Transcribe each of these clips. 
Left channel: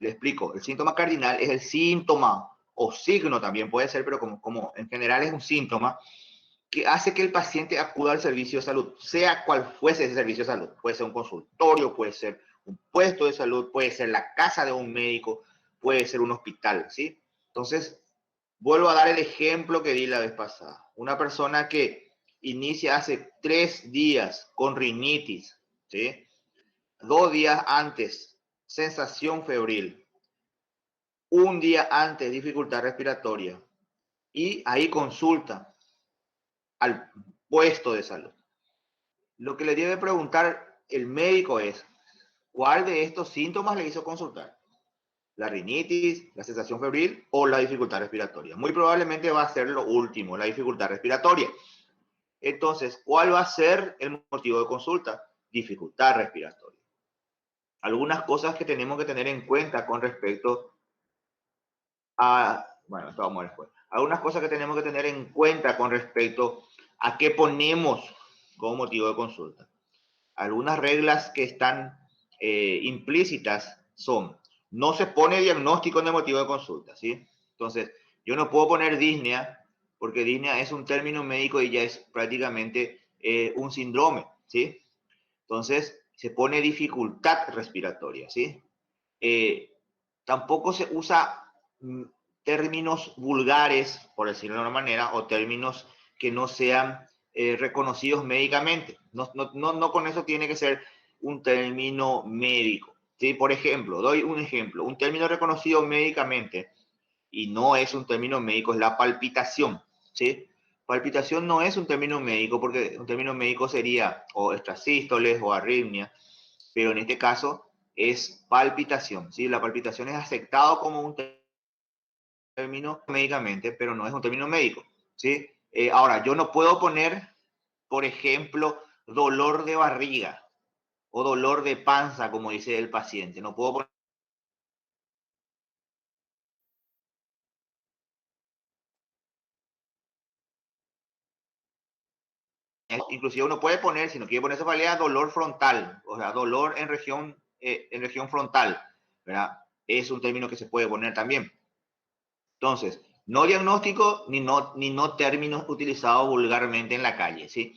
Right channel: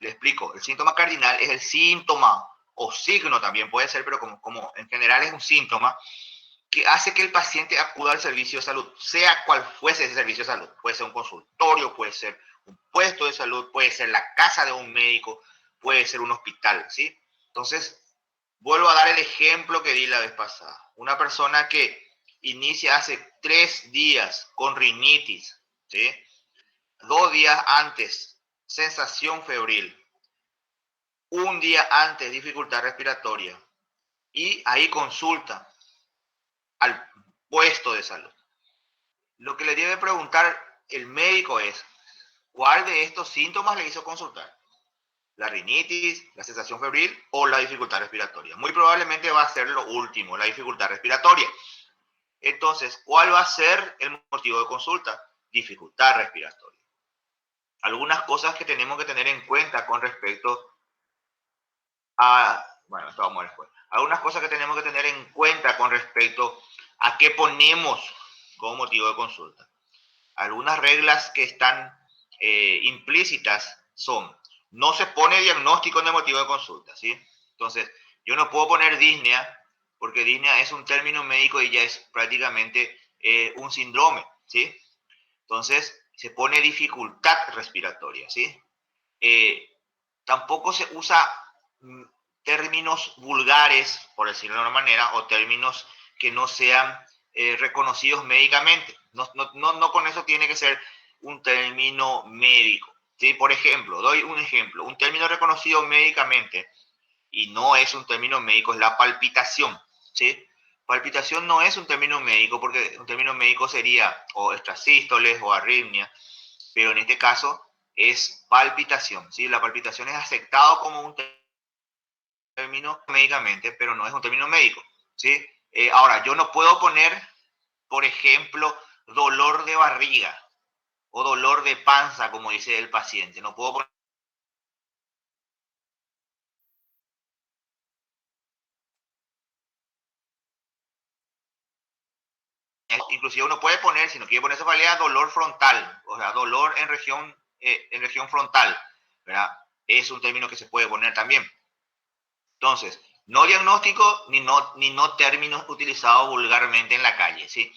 Le explico, el síntoma cardinal es el síntoma o signo también puede ser, pero como en general es un síntoma que hace que el paciente acuda al servicio de salud, sea cual fuese ese servicio de salud. Puede ser un consultorio, puede ser un puesto de salud, puede ser la casa de un médico, puede ser un hospital, ¿sí? Entonces, vuelvo a dar el ejemplo que di la vez pasada. Una persona que inicia hace 3 días con rinitis, ¿sí? 2 días antes, sensación febril. Un día antes, dificultad respiratoria. Y ahí consulta al puesto de salud. Lo que le debe preguntar el médico es, ¿cuál de estos síntomas le hizo consultar? ¿La rinitis, la sensación febril o la dificultad respiratoria? Muy probablemente va a ser lo último, la dificultad respiratoria. Entonces, ¿cuál va a ser el motivo de consulta? Dificultad respiratoria. Algunas cosas que tenemos que tener en cuenta con respecto a, bueno, esto vamos a ver después. Algunas cosas que tenemos que tener en cuenta con respecto a qué ponemos como motivo de consulta. Algunas reglas que están implícitas son, no se pone diagnóstico en el motivo de consulta, ¿sí? Entonces, yo no puedo poner disnea, porque disnea es un término médico y ya es prácticamente un síndrome, ¿sí? Entonces, se pone dificultad respiratoria, ¿sí? Tampoco se usa términos vulgares, por decirlo de una manera, o términos que no sean reconocidos médicamente. No con eso tiene que ser un término médico. ¿Sí? Por ejemplo, doy un ejemplo. Un término reconocido médicamente y no es un término médico es la palpitación. ¿Sí? Palpitación no es un término médico porque un término médico sería o extrasístoles o arritmia, pero en este caso es palpitación. ¿Sí? La palpitación es aceptado como un término médicamente, pero no es un término médico. ¿Sí? Ahora, yo no puedo poner, por ejemplo, dolor de barriga o dolor de panza, como dice el paciente. No puedo poner. Inclusive uno puede poner, si no quiere poner esa palabra, dolor frontal, o sea, dolor en región frontal, ¿verdad? Es un término que se puede poner también. Entonces, no diagnóstico ni no términos utilizados vulgarmente en la calle, ¿sí?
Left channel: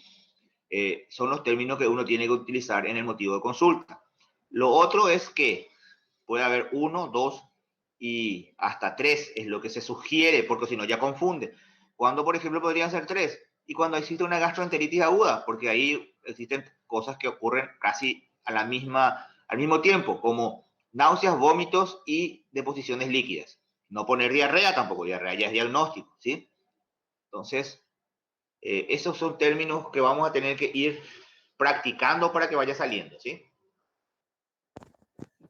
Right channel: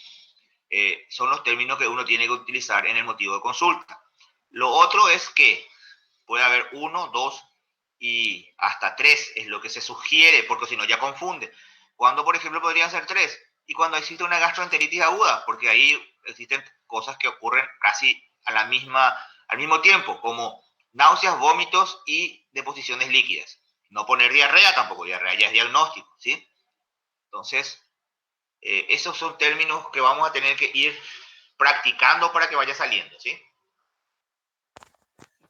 Son los términos que uno tiene que utilizar en el motivo de consulta. Lo otro es que puede haber 1, 2 y hasta 3, es lo que se sugiere, porque si no ya confunde. Cuando, por ejemplo, podrían ser 3? Y cuando existe una gastroenteritis aguda, porque ahí existen cosas que ocurren casi al mismo tiempo, como náuseas, vómitos y deposiciones líquidas. No poner diarrea tampoco, diarrea ya es diagnóstico, ¿sí? Entonces, esos son términos que vamos a tener que ir practicando para que vaya saliendo, ¿sí?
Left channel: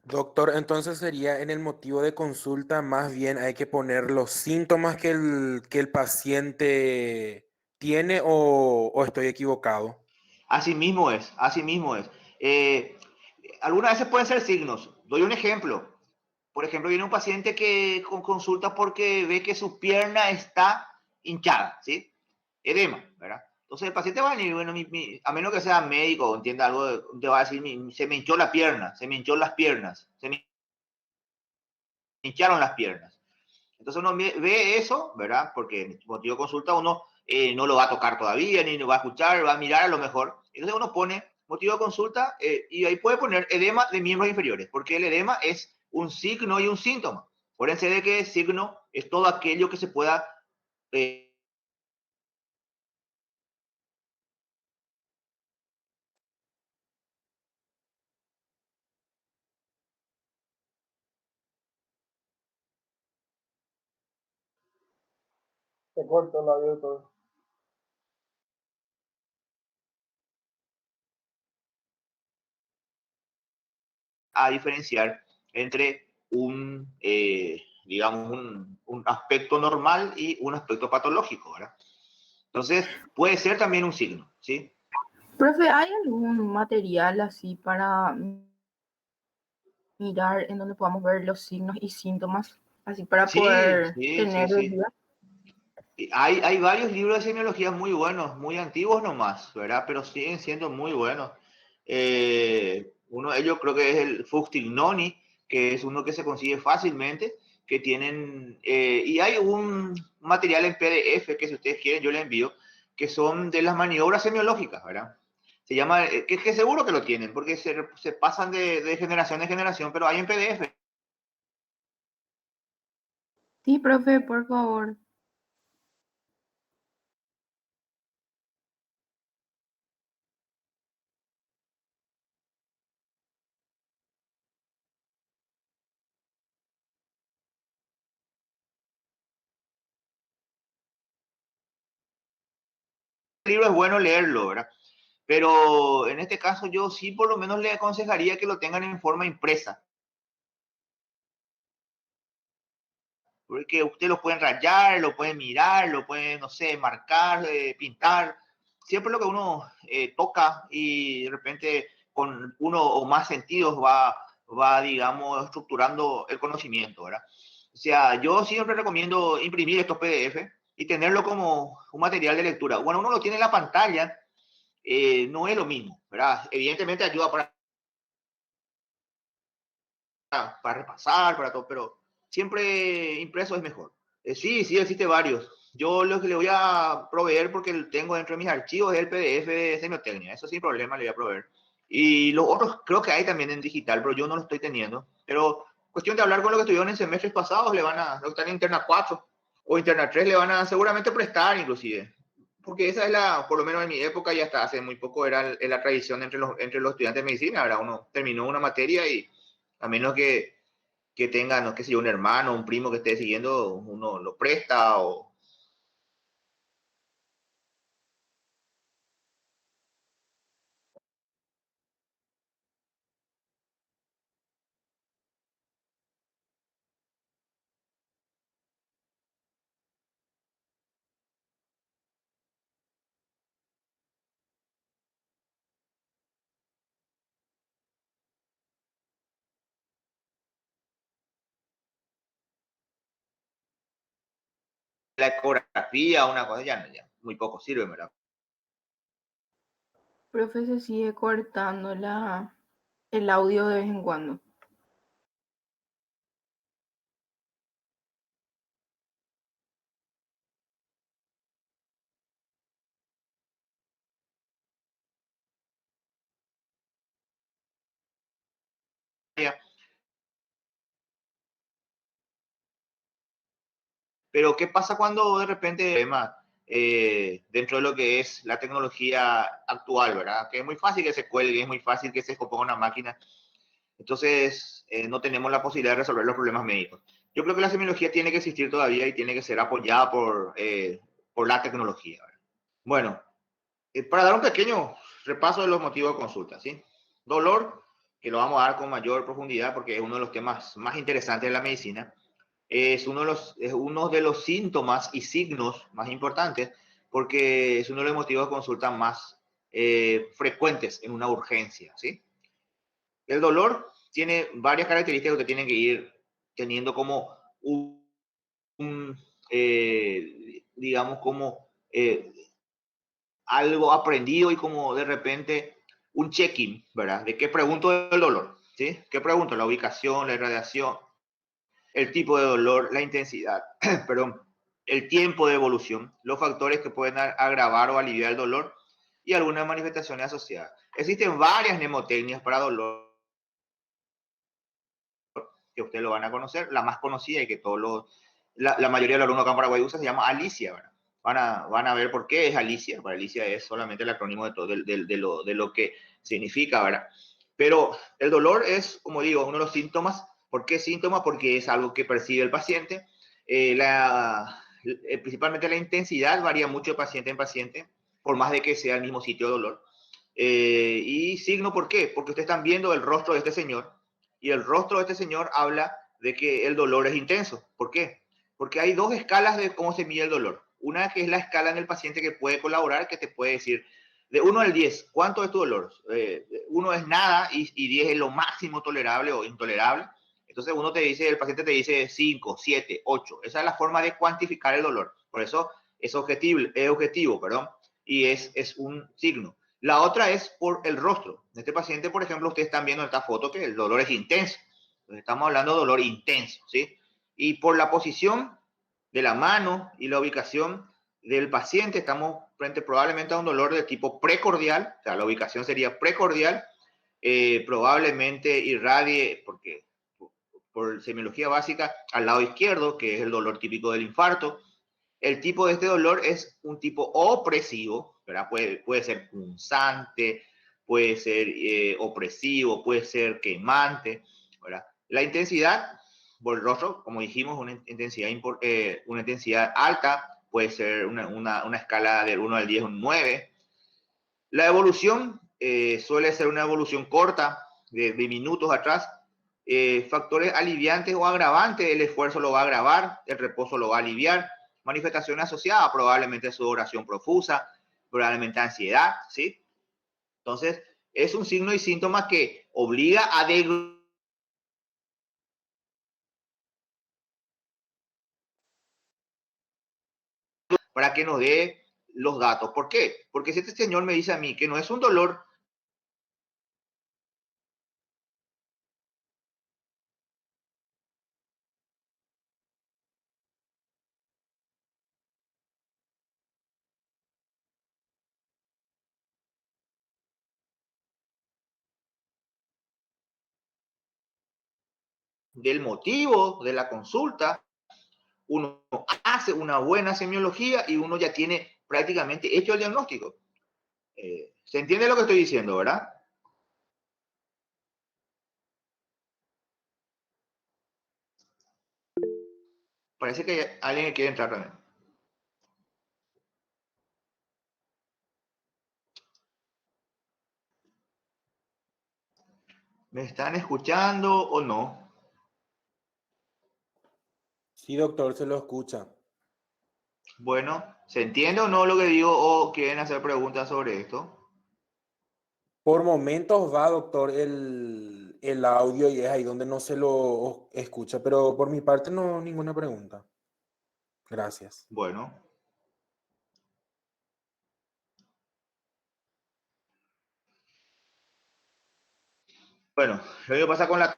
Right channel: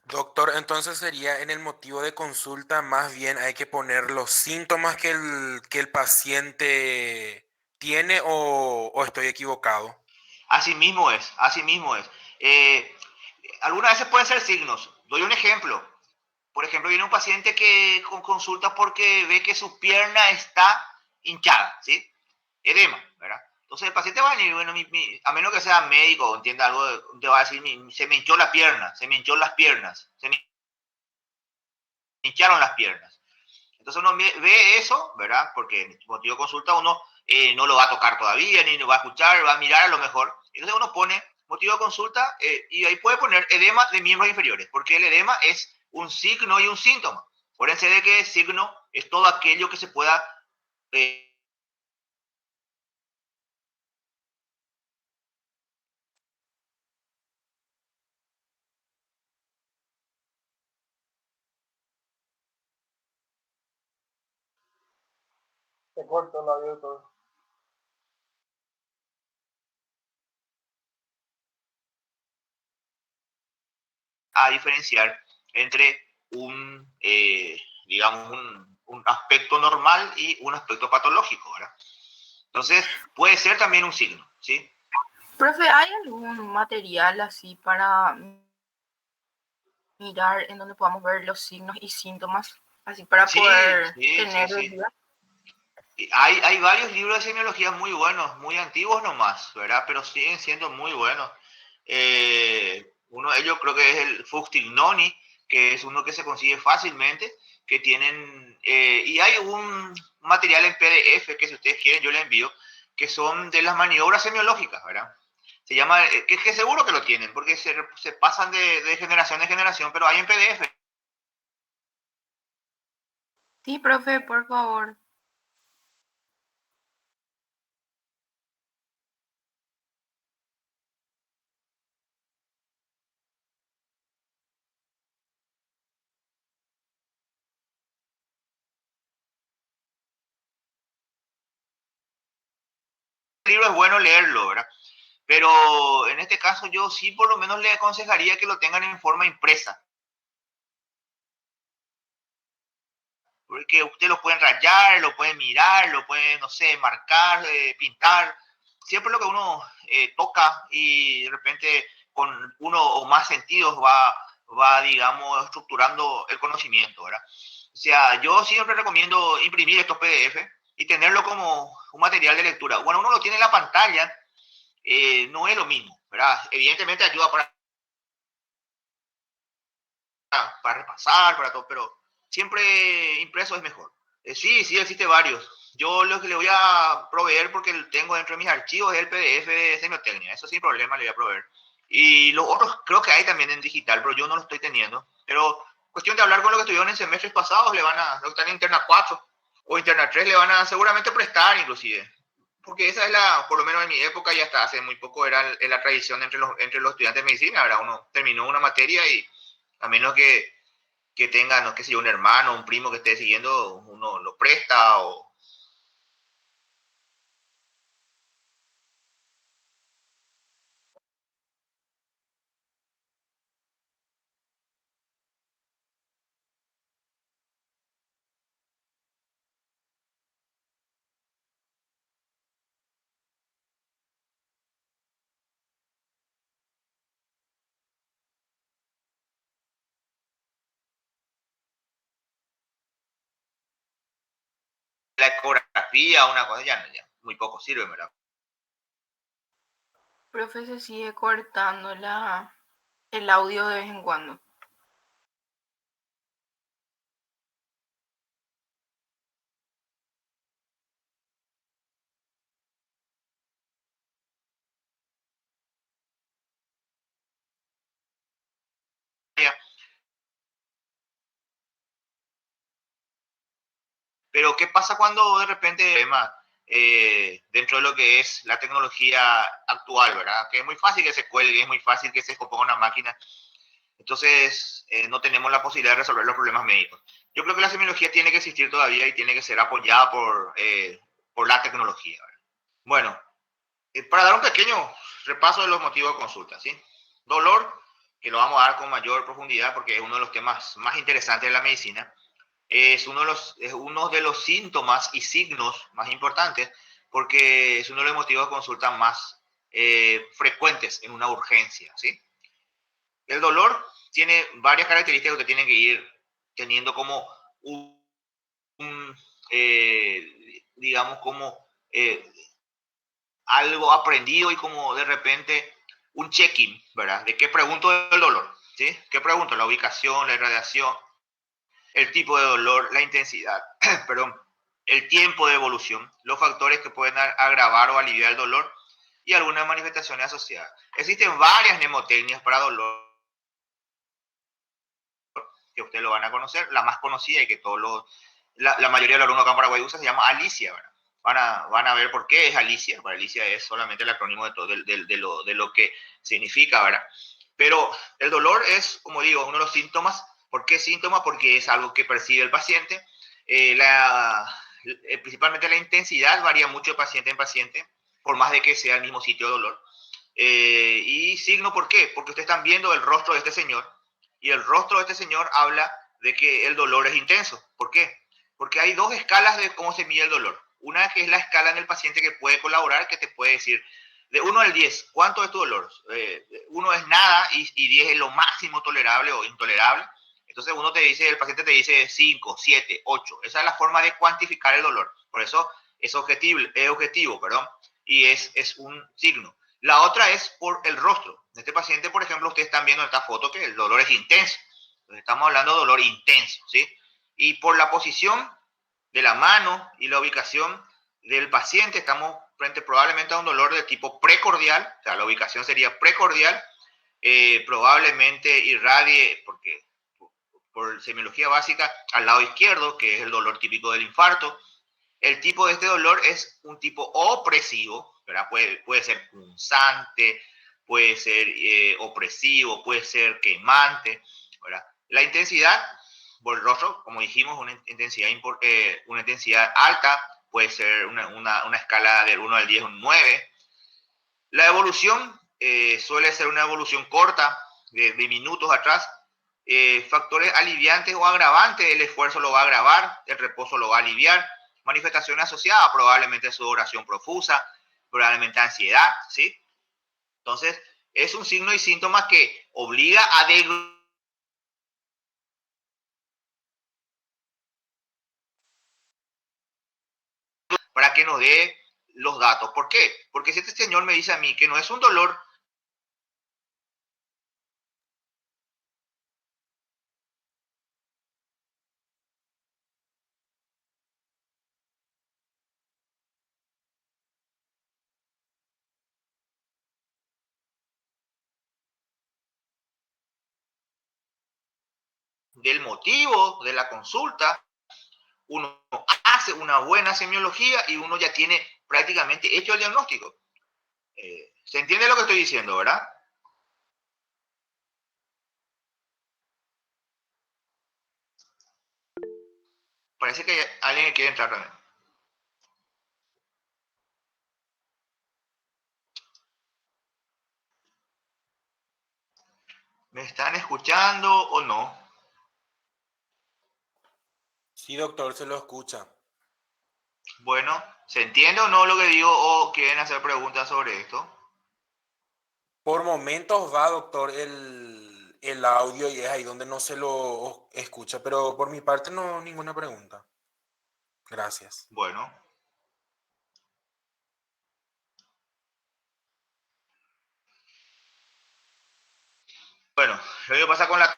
Doctor, entonces sería en el motivo de consulta, más bien hay que poner los síntomas que el paciente tiene o estoy equivocado. Así mismo es, así mismo es. Algunas veces pueden ser signos. Doy un ejemplo. Por ejemplo, viene un paciente que consulta porque ve que su pierna está hinchada, ¿sí? Edema, ¿verdad? Entonces el paciente va a venir, bueno, a menos que sea médico o entienda algo, te va a decir, se me hinchó la pierna, se me hinchó las piernas, se me hincharon las piernas. Entonces uno ve eso, ¿verdad? Porque en motivo de consulta uno no lo va a tocar todavía, ni lo va a escuchar, va a mirar a lo mejor. Entonces uno pone motivo de consulta y ahí puede poner edema de miembros inferiores, porque el edema es un signo y un síntoma. Acuérdense de que el signo es todo aquello que se pueda Se corta el audio todo. a diferenciar entre digamos, un aspecto normal y un aspecto patológico, ¿verdad? Entonces, puede ser también un signo, ¿sí? Profe, ¿hay algún material así para mirar en donde podamos ver los signos y síntomas, así para Sí, poder sí, sí, tener sí. idea? Hay varios libros de semiología muy buenos, muy antiguos nomás, ¿verdad? Pero siguen siendo muy buenos. Uno de ellos creo que es el Fustignoni, que es uno que se consigue fácilmente, que tienen, y hay un material en PDF que si ustedes quieren yo les envío, que son de las maniobras semiológicas, ¿verdad? Se llama, que seguro que lo tienen, porque se pasan de generación en generación, pero hay en PDF. Sí, profe, por favor. El libro es bueno leerlo, ¿verdad? Pero en este caso yo sí por lo menos le aconsejaría que lo tengan en forma impresa. Porque usted lo pueden rayar, lo pueden mirar, lo pueden, no sé, marcar, pintar. Siempre lo que uno toca y de repente con uno o más sentidos va, digamos, estructurando el conocimiento, ¿verdad? O sea, yo siempre recomiendo imprimir estos PDF y tenerlo como un material de lectura. Bueno, uno lo tiene en la pantalla, no es lo mismo, ¿verdad? Evidentemente ayuda para repasar, para todo, pero siempre impreso es mejor. Sí, sí, existe varios. Yo lo que le voy a proveer, porque tengo dentro de mis archivos, es el PDF de semiotecnia. Eso sin problema le voy a proveer. Y los otros creo que hay también en digital, pero yo no lo estoy teniendo. Pero cuestión de hablar con los que estuvieron en semestres pasados, le van a, los que están en Interna 4 o Interna 3, le van a seguramente prestar inclusive. Porque esa es la, por lo menos en mi época y hasta hace muy poco, era la tradición entre los estudiantes de medicina. Ahora uno terminó una materia y a menos que tenga, no sé si un hermano, un primo que esté siguiendo, uno lo presta o... La ecografía, una cosa, ya muy poco sirve, ¿verdad? Profe, se sigue cortando el audio de vez en cuando. Pero ¿qué pasa cuando de repente dentro de lo que es la tecnología actual, ¿verdad? Que es muy fácil que se cuelgue, es muy fácil que se descomponga una máquina. Entonces, no tenemos la posibilidad de resolver los problemas médicos. Yo creo que la semiología tiene que existir todavía y tiene que ser apoyada por la tecnología, ¿verdad? Bueno, para dar un pequeño repaso de los motivos de consulta, ¿sí? Dolor, que lo vamos a dar con mayor profundidad porque es uno de los temas más interesantes de la medicina. Es uno de los síntomas y signos más importantes porque es uno de los motivos de consulta más frecuentes en una urgencia, ¿sí? El dolor tiene varias características que tienen que ir teniendo como un digamos, como algo aprendido y como de repente un check-in, ¿verdad? ¿De qué pregunto del dolor? ¿Sí? ¿Qué pregunto? La ubicación, la irradiación, el tipo de dolor, la intensidad, perdón, el tiempo de evolución, los factores que pueden agravar o aliviar el dolor y algunas manifestaciones asociadas. Existen varias mnemotecnias para dolor que ustedes lo van a conocer. La más conocida y que la mayoría de los alumnos acá en Paraguay usa se llama Alicia, ¿verdad? Van a ver por qué es Alicia. Para Alicia es solamente el acrónimo de todo, de lo que significa, ¿verdad? Pero el dolor es, como digo, uno de los síntomas. ¿Por qué síntomas? Porque es algo que percibe el paciente. Principalmente la intensidad varía mucho de paciente en paciente, por más de que sea el mismo sitio de dolor. Y signo, ¿por qué? Porque ustedes están viendo el rostro de este señor y el rostro de este señor habla de que el dolor es intenso. ¿Por qué? Porque hay dos escalas de cómo se mide el dolor. Una que es la escala en el paciente que puede colaborar, que te puede decir de 1 al 10, ¿cuánto es tu dolor? 1 es nada y 10 es lo máximo tolerable o intolerable. Entonces el paciente te dice 5, 7, 8. Esa es la forma de cuantificar el dolor. Por eso es objetivo, perdón, y es un signo. La otra es por el rostro. En este paciente, por ejemplo, ustedes están viendo en esta foto que el dolor es intenso. Estamos hablando de dolor intenso, ¿sí? Y por la posición de la mano y la ubicación del paciente, estamos frente probablemente a un dolor de tipo precordial, o sea, la ubicación sería precordial, probablemente irradie, porque por semiología básica, al lado izquierdo, que es el dolor típico del infarto. El tipo de este dolor es un tipo opresivo, ¿verdad? Puede ser punzante, puede ser opresivo, puede ser quemante, ¿verdad? La intensidad por el rostro, como dijimos, una intensidad alta, puede ser una escala del 1 al 10, un 9. La evolución suele ser una evolución corta, de minutos atrás. Factores aliviantes o agravantes, el esfuerzo lo va a agravar, el reposo lo va a aliviar. Manifestaciones asociadas, probablemente sudoración profusa, probablemente ansiedad, ¿sí? Entonces, es un signo y síntoma que obliga a para que nos dé los datos. ¿Por qué? Porque si este señor me dice a mí que no es un dolor del motivo de la consulta, uno hace una buena semiología y uno ya tiene prácticamente hecho el diagnóstico. ¿Se entiende lo que estoy diciendo, verdad? Parece que hay alguien que quiere entrar también. ¿Me están escuchando o no? Sí, doctor, se lo escucha. Bueno, ¿se entiende o no lo que digo o quieren hacer preguntas sobre esto? Por momentos va, doctor, el audio y es ahí donde no se lo escucha, pero por mi parte no, ninguna pregunta. Gracias. Bueno. Bueno, lo que pasa con la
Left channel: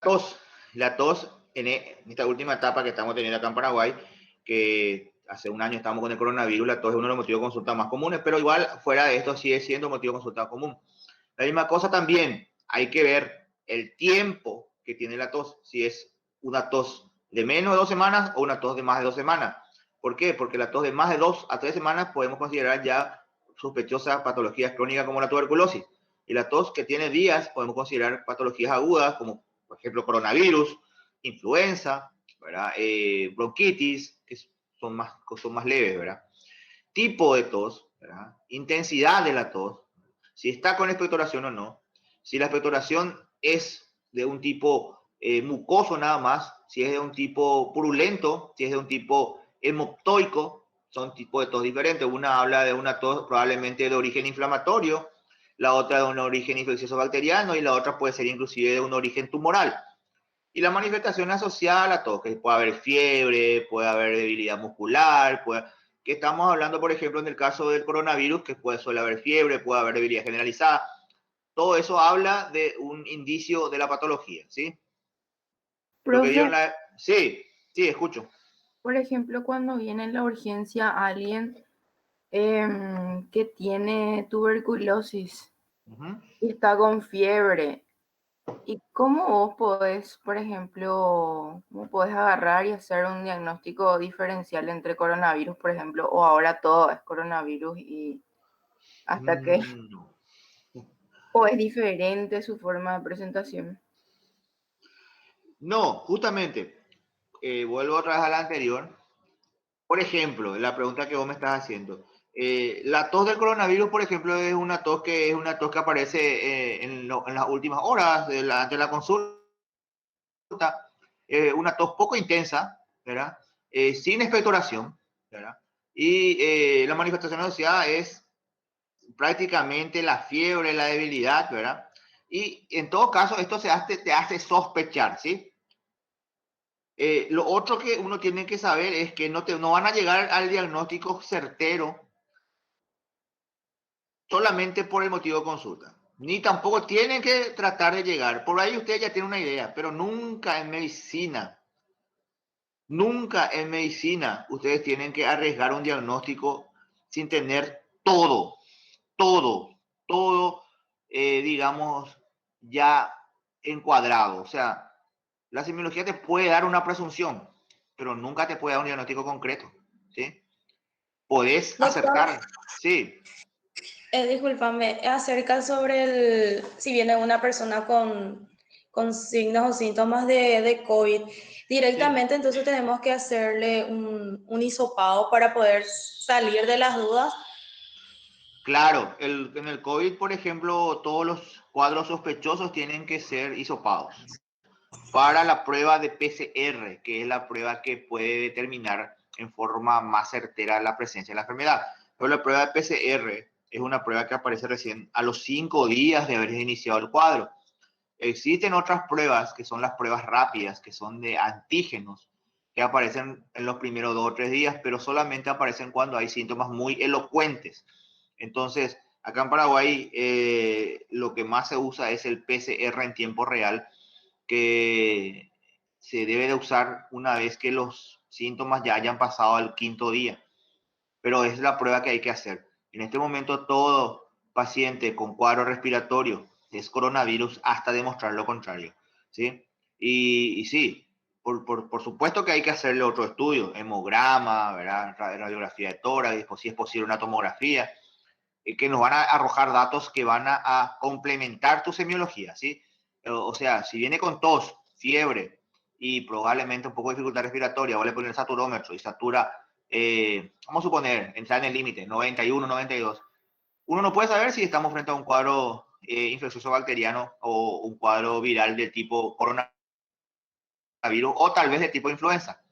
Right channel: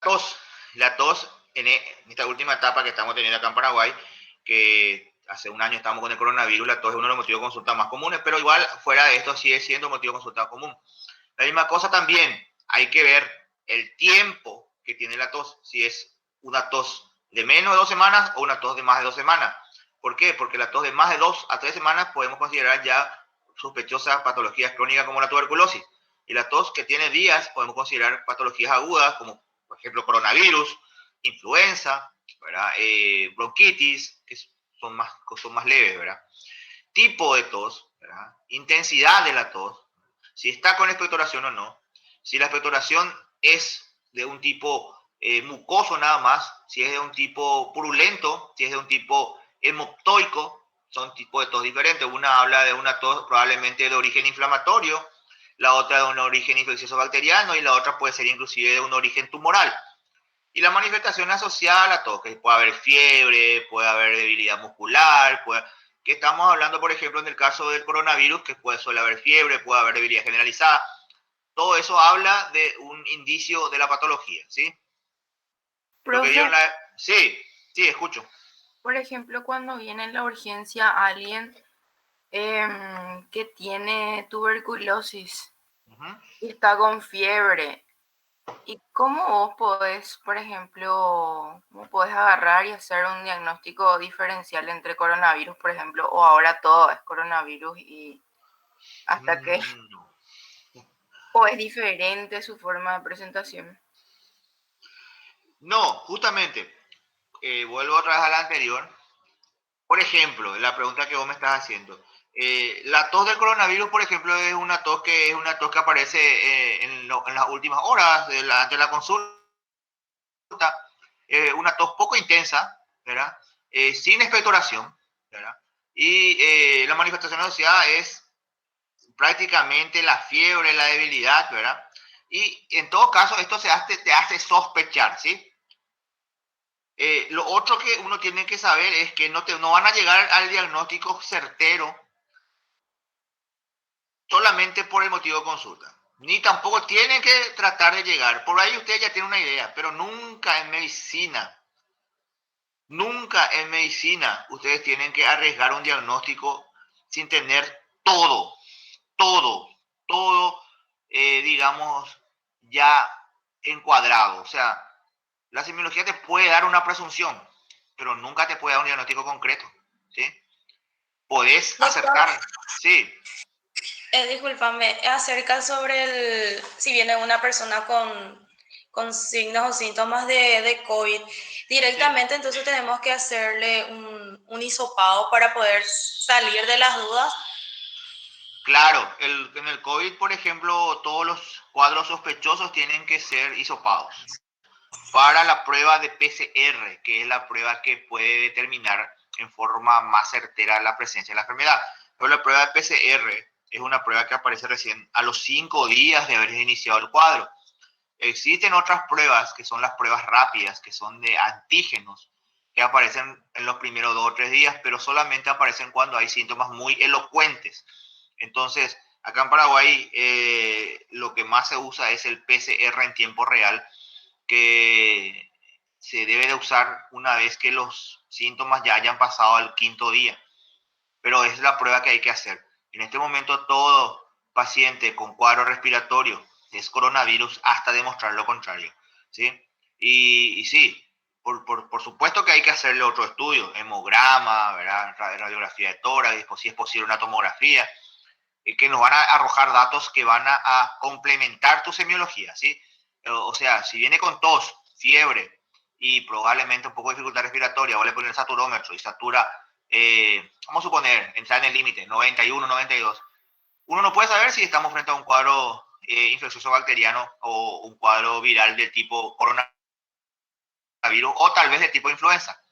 tos. La tos en esta última etapa que estamos teniendo acá en Paraguay, que hace un año estamos con el coronavirus, la tos es uno de los motivos de consulta más comunes, pero igual fuera de esto sigue siendo motivo de consulta común. La misma cosa también, hay que ver el tiempo que tiene la tos, si es una tos de menos de 2 semanas o una tos de más de 2 semanas. ¿Por qué? Porque la tos de más de 2 a 3 semanas podemos considerar ya sospechosas patologías crónicas como la tuberculosis. Y la tos que tiene días podemos considerar patologías agudas como, por ejemplo, coronavirus, influenza, ¿verdad? Bronquitis, que son más leves, ¿verdad? Tipo de tos, ¿verdad? Intensidad de la tos, si está con expectoración o no, si la expectoración es de un tipo mucoso nada más, si es de un tipo purulento, si es de un tipo hemoptoico, son tipos de tos diferentes. Una habla de una tos probablemente de origen inflamatorio, la otra de un origen infeccioso bacteriano y la otra puede ser inclusive de un origen tumoral. Y la manifestación asociada a la tos, que puede haber fiebre, puede haber debilidad muscular, que estamos hablando, por ejemplo, en el caso del coronavirus, que suele haber fiebre, puede haber debilidad generalizada. Todo eso habla de un indicio de la patología, ¿sí? Lo que Profe, Sí, sí, escucho. por ejemplo, cuando viene en la urgencia alguien que tiene tuberculosis Ujú. y está con fiebre, ¿y cómo vos podés, por ejemplo, cómo podés agarrar y hacer un diagnóstico diferencial entre coronavirus, por ejemplo, o ahora todo es coronavirus y hasta que, No. o es diferente su forma de presentación? No, justamente, vuelvo otra vez a la anterior. Por ejemplo, la pregunta que vos me estás haciendo. La tos del coronavirus, por ejemplo, es una tos que aparece en las últimas horas de la consulta. Una tos poco intensa, ¿verdad? Sin expectoración, ¿verdad? Y la manifestación asociada es prácticamente la fiebre, la debilidad, ¿verdad? Y en todo caso, esto te hace sospechar, ¿sí? Lo otro que uno tiene que saber es que no van a llegar al diagnóstico certero solamente por el motivo de consulta. ni tampoco tienen que tratar de llegar. Por ahí usted ya tiene una idea, pero nunca en medicina ustedes tienen que arriesgar un diagnóstico sin tener todo, todo, digamos, ya encuadrado. O sea, la semiología te puede dar una presunción, pero nunca te puede dar un diagnóstico concreto, ¿sí? Podés Doctor, acertar, sí, discúlpame, acerca sobre si viene una persona con signos o síntomas de COVID, sí. directamente entonces tenemos que hacerle un hisopado para poder salir de las dudas. Claro, en el COVID, por ejemplo, todos los cuadros sospechosos tienen que ser hisopados para la prueba de PCR, que es la prueba que puede determinar en forma más certera la presencia de la enfermedad. Pero la prueba de PCR es una prueba que aparece recién a los 5 días de haber iniciado el cuadro. Existen otras pruebas que son las pruebas rápidas, que son de antígenos, que aparecen en los primeros 2 o 3 días, pero solamente aparecen cuando hay síntomas muy elocuentes. Entonces, acá en Paraguay, lo que más se usa es el PCR en tiempo real, que se debe de usar una vez que los síntomas ya hayan pasado al 5.º día. Pero es la prueba que hay que hacer. En este momento, todo paciente con cuadro respiratorio es coronavirus hasta demostrar lo contrario, ¿sí? Y sí, por supuesto que hay que hacerle otro estudio, hemograma, ¿verdad? Radiografía de tórax, si es posible una tomografía, que nos van a arrojar datos que van a complementar tu semiología, ¿sí? O sea, si viene con tos, fiebre y probablemente un poco de dificultad respiratoria, vos le pones el saturómetro y satura, vamos a suponer, entrar en el límite, 91, 92. Uno no puede saber si estamos frente a un cuadro infeccioso bacteriano o un cuadro viral de tipo coronavirus o tal vez de tipo influenza.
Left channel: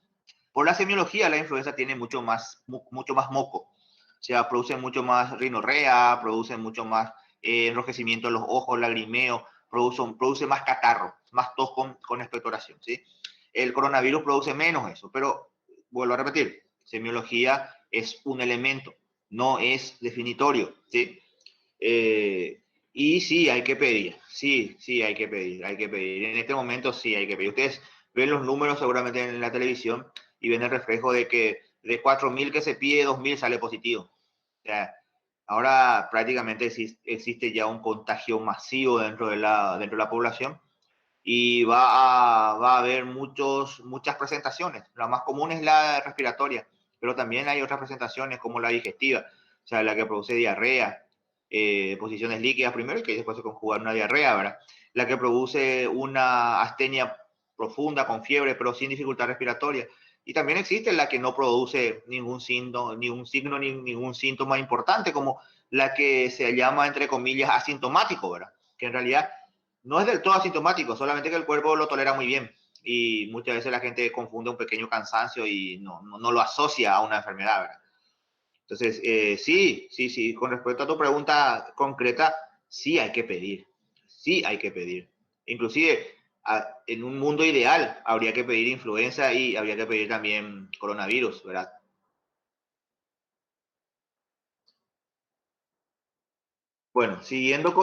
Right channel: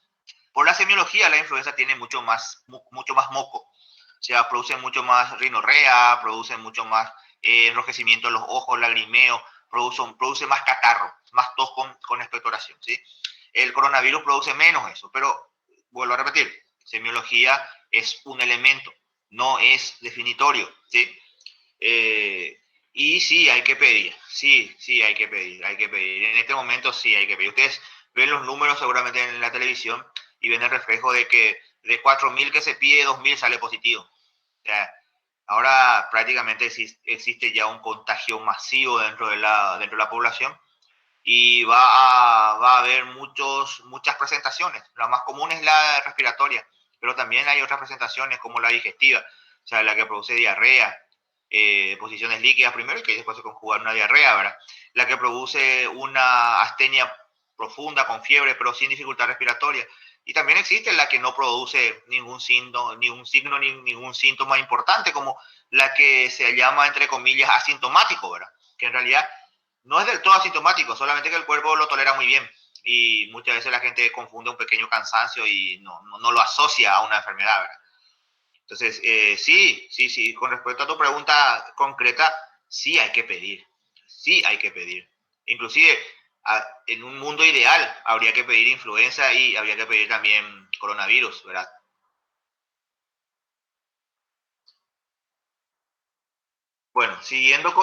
Por la semiología, la influenza tiene mucho más moco. O sea, produce mucho más rinorrea, produce mucho más enrojecimiento en los ojos, lagrimeo, produce más catarro, más tos con expectoración, ¿sí? El coronavirus produce menos eso, pero vuelvo a repetir, semiología es un elemento, no es definitorio, ¿sí? Eh, y sí, hay que pedir, sí, hay que pedir, hay que pedir. En este momento sí hay que pedir. Ustedes ven los números seguramente en la televisión y ven el reflejo de que de 4.000 que se pide, 2.000 sale positivo. O sea, ahora prácticamente existe ya un contagio masivo dentro de la población y va a haber muchas presentaciones. La más común es la respiratoria, pero también hay otras presentaciones como la digestiva, o sea, la que produce diarrea, posiciones líquidas primero y que después se conjuga en una diarrea, ¿verdad? La que produce una astenia profunda con fiebre pero sin dificultad respiratoria. Y también existe la que no produce ningún signo, ni ningún síntoma importante, como la que se llama, entre comillas, asintomático, ¿verdad? Que en realidad no es del todo asintomático, solamente que el cuerpo lo tolera muy bien. Y muchas veces la gente confunde un pequeño cansancio y no lo asocia a una enfermedad, ¿verdad? Entonces, sí, con respecto a tu pregunta concreta, sí hay que pedir, sí hay que pedir. Inclusive, en un mundo ideal, habría que pedir influenza y habría que pedir también coronavirus, ¿verdad? Bueno, siguiendo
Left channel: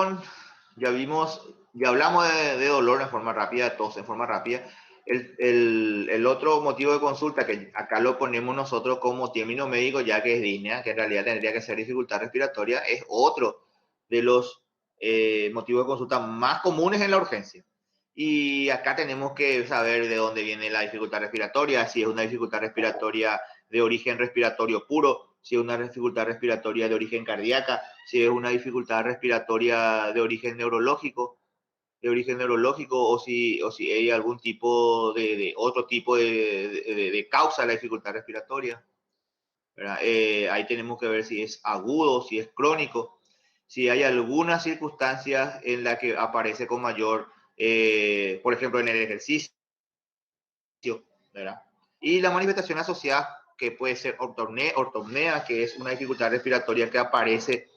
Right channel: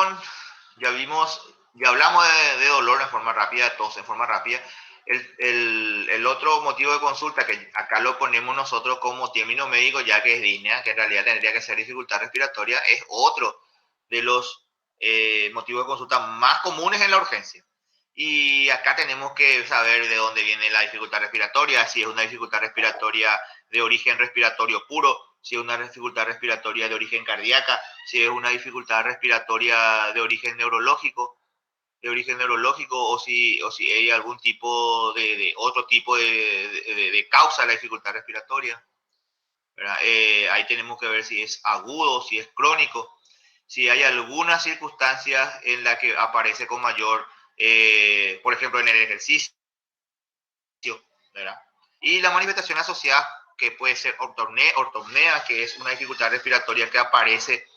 ya hablamos de dolor en forma rápida, de tos en forma rápida. El otro motivo de consulta, que acá lo ponemos nosotros como término médico, ya que es disnea, que en realidad tendría que ser dificultad respiratoria, es otro de los motivos de consulta más comunes en la urgencia. Y acá tenemos que saber de dónde viene la dificultad respiratoria, si es una dificultad respiratoria de origen respiratorio puro, si es una dificultad respiratoria de origen cardíaca, si es una dificultad respiratoria de origen neurológico o si hay algún tipo de otro tipo de causa de la dificultad respiratoria, ¿verdad? Ahí tenemos que ver si es agudo, si es crónico, si hay algunas circunstancias en la que aparece con mayor, por ejemplo, en el ejercicio, ¿verdad? Y la manifestación asociada, que puede ser ortopnea, que es una dificultad respiratoria que aparece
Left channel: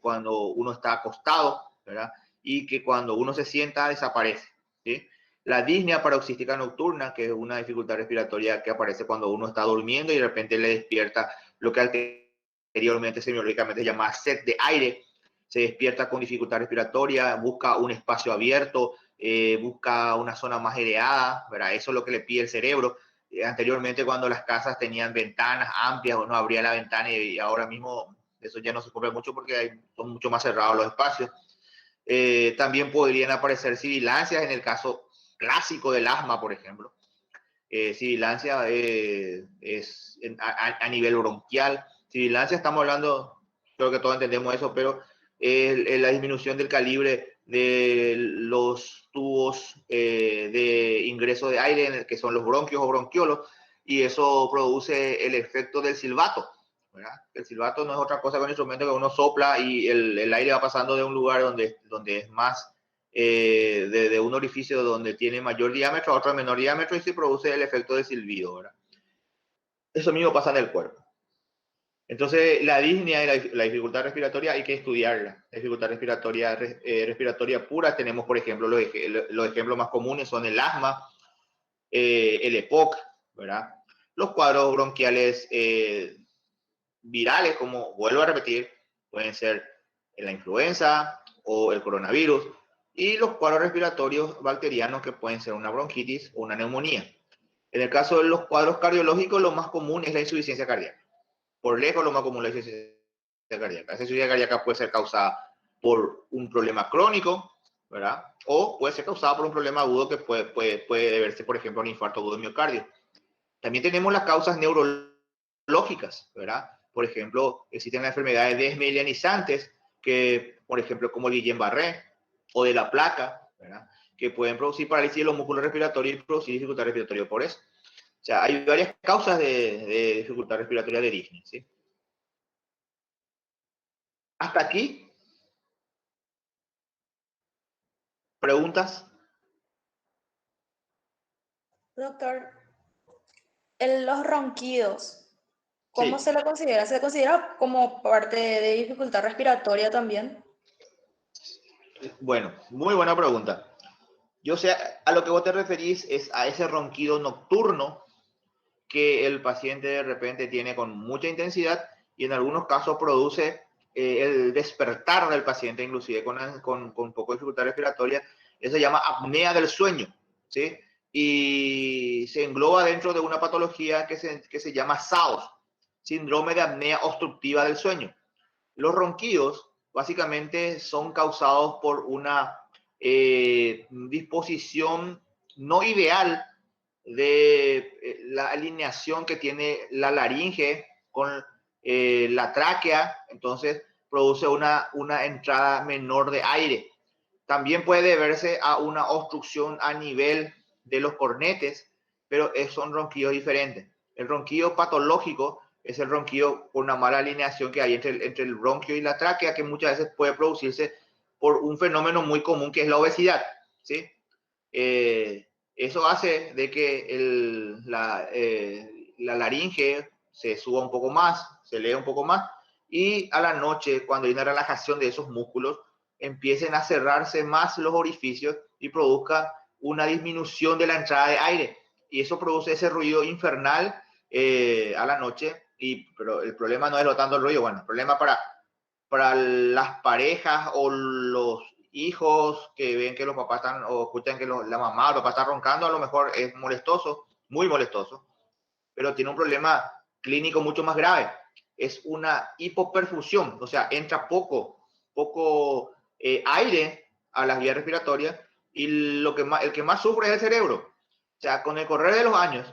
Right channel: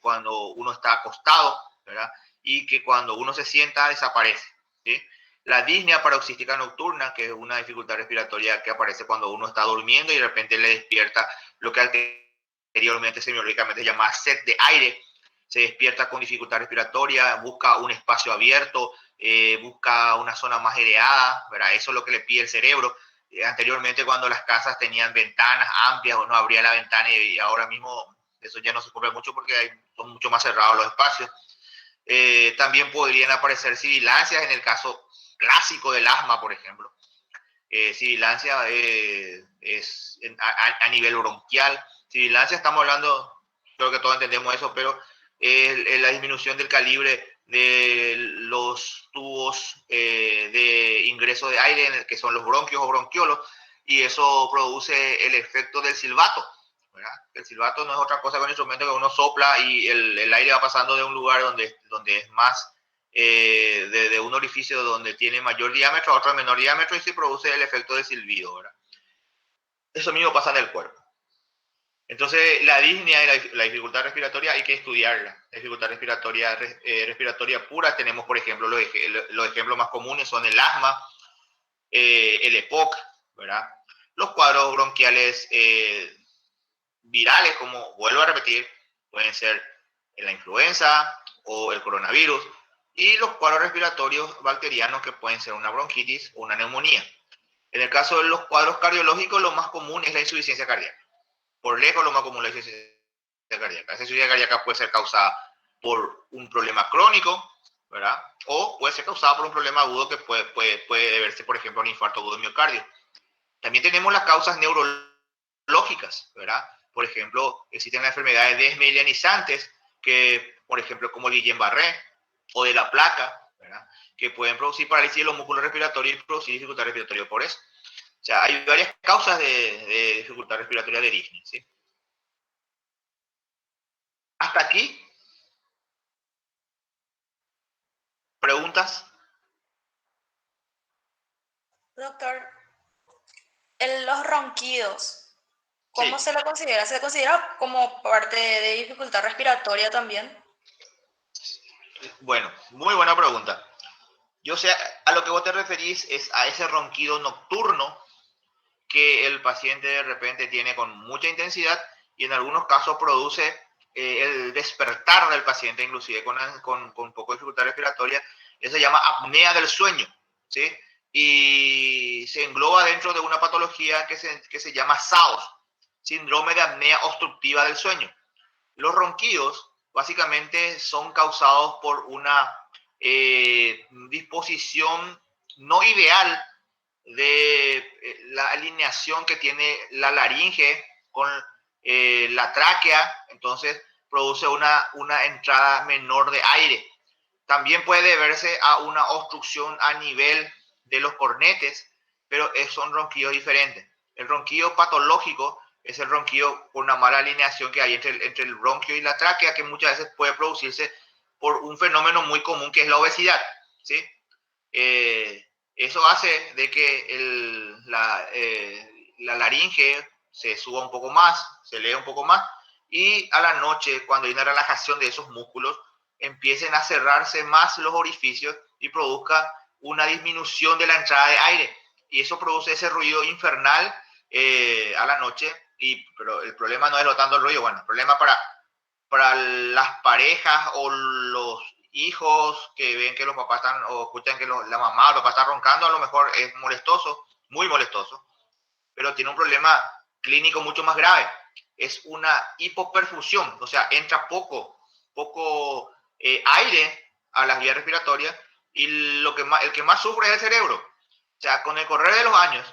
cuando uno está acostado, ¿verdad? Y que cuando uno se sienta desaparece, ¿sí? La disnea paroxística nocturna, que es una dificultad respiratoria que aparece cuando uno está durmiendo y de repente le despierta lo que anteriormente semiológicamente se llama sed de aire. se despierta con dificultad respiratoria, busca un espacio abierto, busca una zona más aireada, ¿verdad? Eso es lo que le pide el cerebro. Anteriormente, cuando las casas tenían ventanas amplias, uno abría la ventana y ahora mismo eso ya no se cumple mucho porque son mucho más cerrados los espacios. También podrían aparecer sibilancias en el caso clásico del asma, por ejemplo. Sibilancia es a nivel bronquial. Sibilancia estamos hablando, creo que todos entendemos eso, pero la disminución del calibre de los tubos de ingreso de aire, que son los bronquios o bronquiolos, y eso produce el efecto del silbato, ¿verdad? El silbato no es otra cosa que un instrumento que uno sopla y el aire va pasando de un lugar donde es más de un orificio donde tiene mayor diámetro a otro de menor diámetro y se produce el efecto de silbido, ¿verdad? Eso mismo pasa en el cuerpo. Entonces, la disnea y la dificultad respiratoria hay que estudiarla. La dificultad respiratoria pura tenemos, por ejemplo, los ejemplos más comunes son el asma, el EPOC, ¿verdad? Los cuadros bronquiales virales, como vuelvo a repetir, pueden ser la influenza o el coronavirus, y los cuadros respiratorios bacterianos que pueden ser una bronquitis o una neumonía. En el caso de los cuadros cardiológicos, lo más común es la insuficiencia cardíaca. Por lejos, lo más común es la insuficiencia cardíaca. Esa insuficiencia cardíaca puede ser causada por un problema crónico, ¿verdad? O puede ser causada por un problema agudo que puede deberse, por ejemplo, a un infarto agudo de miocardio. También tenemos las causas neurológicas, ¿verdad? Por ejemplo, existen las enfermedades desmielinizantes, que, por ejemplo, como el Guillain-Barré o de la placa, ¿verdad? Que pueden producir parálisis de los músculos respiratorios y producir dificultad respiratoria por eso. O sea, hay varias causas de dificultad respiratoria de disnea, ¿sí? Hasta aquí. ¿Preguntas? Doctor, los ronquidos, ¿cómo Sí. se lo considera? ¿Se considera como parte de dificultad respiratoria también? Bueno, muy buena pregunta. Yo sé, a lo que vos te referís es a ese ronquido nocturno que el paciente de repente tiene con mucha intensidad y en algunos casos produce el despertar del paciente, inclusive con poco dificultad respiratoria. Eso se llama apnea del sueño, ¿sí? Y se engloba dentro de una patología que se llama SAOS, síndrome de apnea obstructiva del sueño. Los ronquidos básicamente son causados por una disposición no ideal de la alineación que tiene la laringe con la tráquea, entonces produce una entrada menor de aire. También puede deberse a una obstrucción a nivel de los cornetes, pero son ronquidos diferentes. El ronquido patológico es el ronquido con una mala alineación que hay entre el bronquio y la tráquea, que muchas veces puede producirse por un fenómeno muy común que es la obesidad, ¿sí? Eso hace de que la laringe se suba un poco más, se eleve un poco más, y a la noche, cuando hay una relajación de esos músculos, empiecen a cerrarse más los orificios y produzca una disminución de la entrada de aire. Y eso produce ese ruido infernal a la noche, pero el problema no es lo tanto el ruido, bueno, el problema para las parejas o los hijos que ven que los papás están, o escuchan que la mamá o el papá está roncando, a lo mejor es molestoso, muy molestoso, pero tiene un problema clínico mucho más grave. Es una hipoperfusión, o sea, entra poco aire a las vías respiratorias y el que más sufre es el cerebro. O sea, con el correr de los años,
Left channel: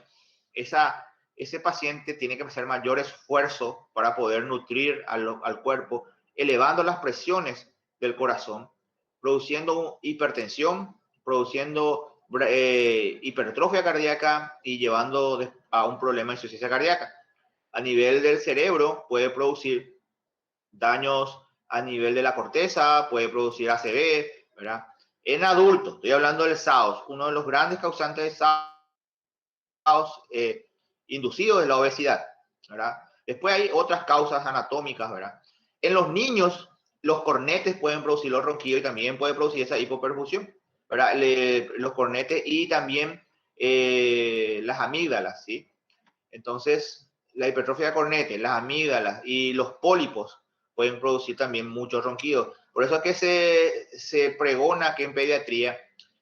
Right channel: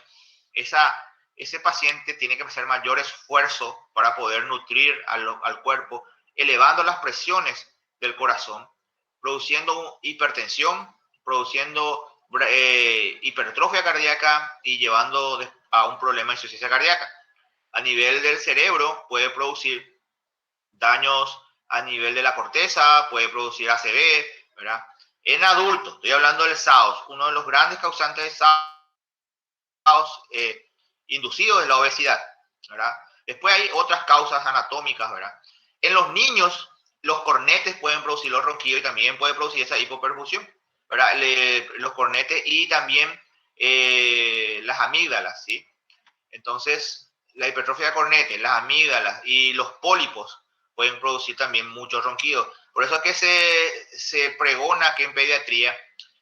ese paciente tiene que hacer mayor esfuerzo para poder nutrir al cuerpo, elevando las presiones del corazón, produciendo hipertensión, produciendo hipertrofia cardíaca y llevando a un problema de insuficiencia cardíaca. A nivel del cerebro puede producir daños a nivel de la corteza, puede producir ACV, ¿verdad? En adultos, estoy hablando del SAOS, uno de los grandes causantes de SAOS inducidos es la obesidad, ¿verdad? Después hay otras causas anatómicas, ¿verdad? En los niños, los cornetes pueden producir los ronquidos y también puede producir esa hipoperfusión, ¿verdad? Los cornetes y también las amígdalas, ¿sí? Entonces, la hipertrofia de cornete, las amígdalas y los pólipos pueden producir también muchos ronquidos. Por eso es que se pregona que en pediatría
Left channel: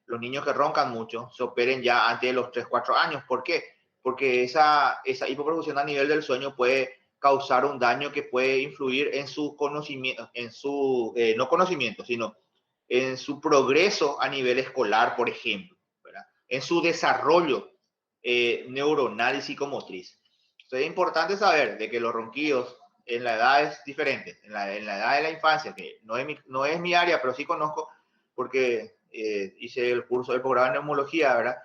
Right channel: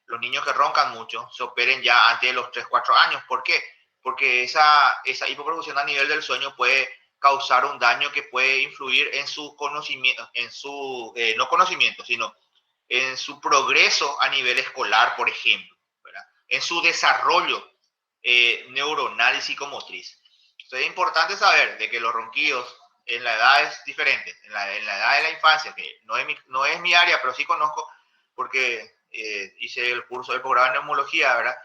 los niños que roncan mucho se operen ya antes de los 3, 4 años. ¿Por qué? Porque esa hipoperfusión a nivel del sueño puede causar un daño que puede influir en su conocimiento, en su, no conocimiento, sino en su progreso a nivel escolar, por ejemplo, ¿verdad? En su desarrollo neuronal y psicomotriz. Entonces es importante saber de que los ronquidos en la edad es diferente, en la edad de la infancia, que no es mi área, pero sí conozco, porque hice el curso del programa de neumología, ¿verdad?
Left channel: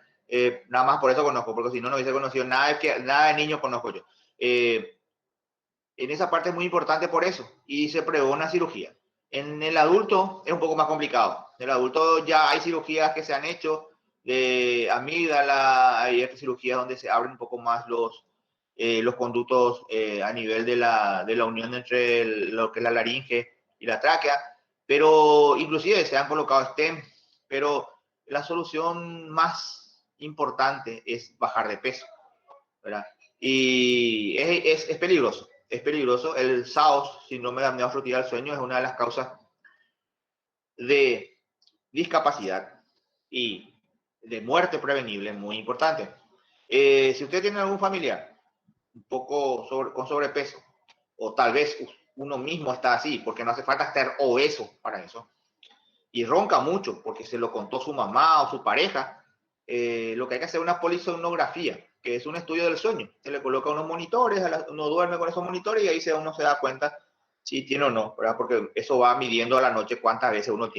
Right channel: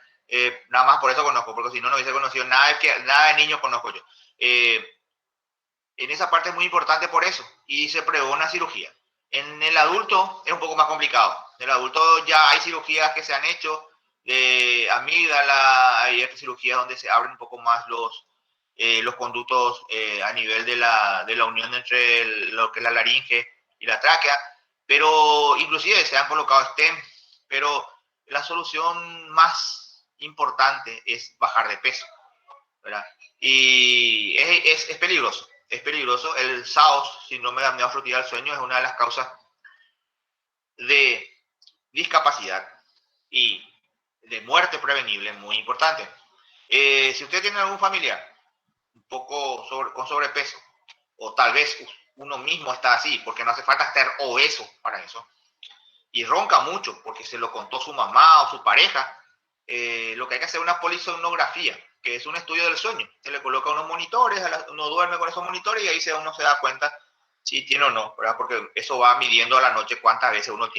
Nada más por eso conozco, porque si no, no hubiese conocido nada de niños conozco yo. En esa parte es muy importante por eso, y se prevé una cirugía. En el adulto es un poco más complicado. En el adulto ya hay cirugías que se han hecho de amígdala, hay otras cirugías donde se abren un poco más los conductos a nivel de la unión entre lo que es la laringe y la tráquea, pero inclusive se han colocado stem, pero la solución más importante es bajar de peso, ¿verdad? Y es peligroso, es peligroso. El SAOS, síndrome de apnea obstructiva del sueño, es una de las causas de discapacidad y de muerte prevenible muy importante. Si usted tiene algún familiar un poco con sobrepeso, o tal vez uno mismo está así, porque no hace falta estar obeso para eso, y ronca mucho porque se lo contó su mamá o su pareja, lo que hay que hacer es una polisomnografía, que es un estudio del sueño. Se le coloca unos monitores, uno duerme con esos monitores y ahí uno se da cuenta si tiene o no, ¿verdad? Porque eso va midiendo a la noche cuántas veces uno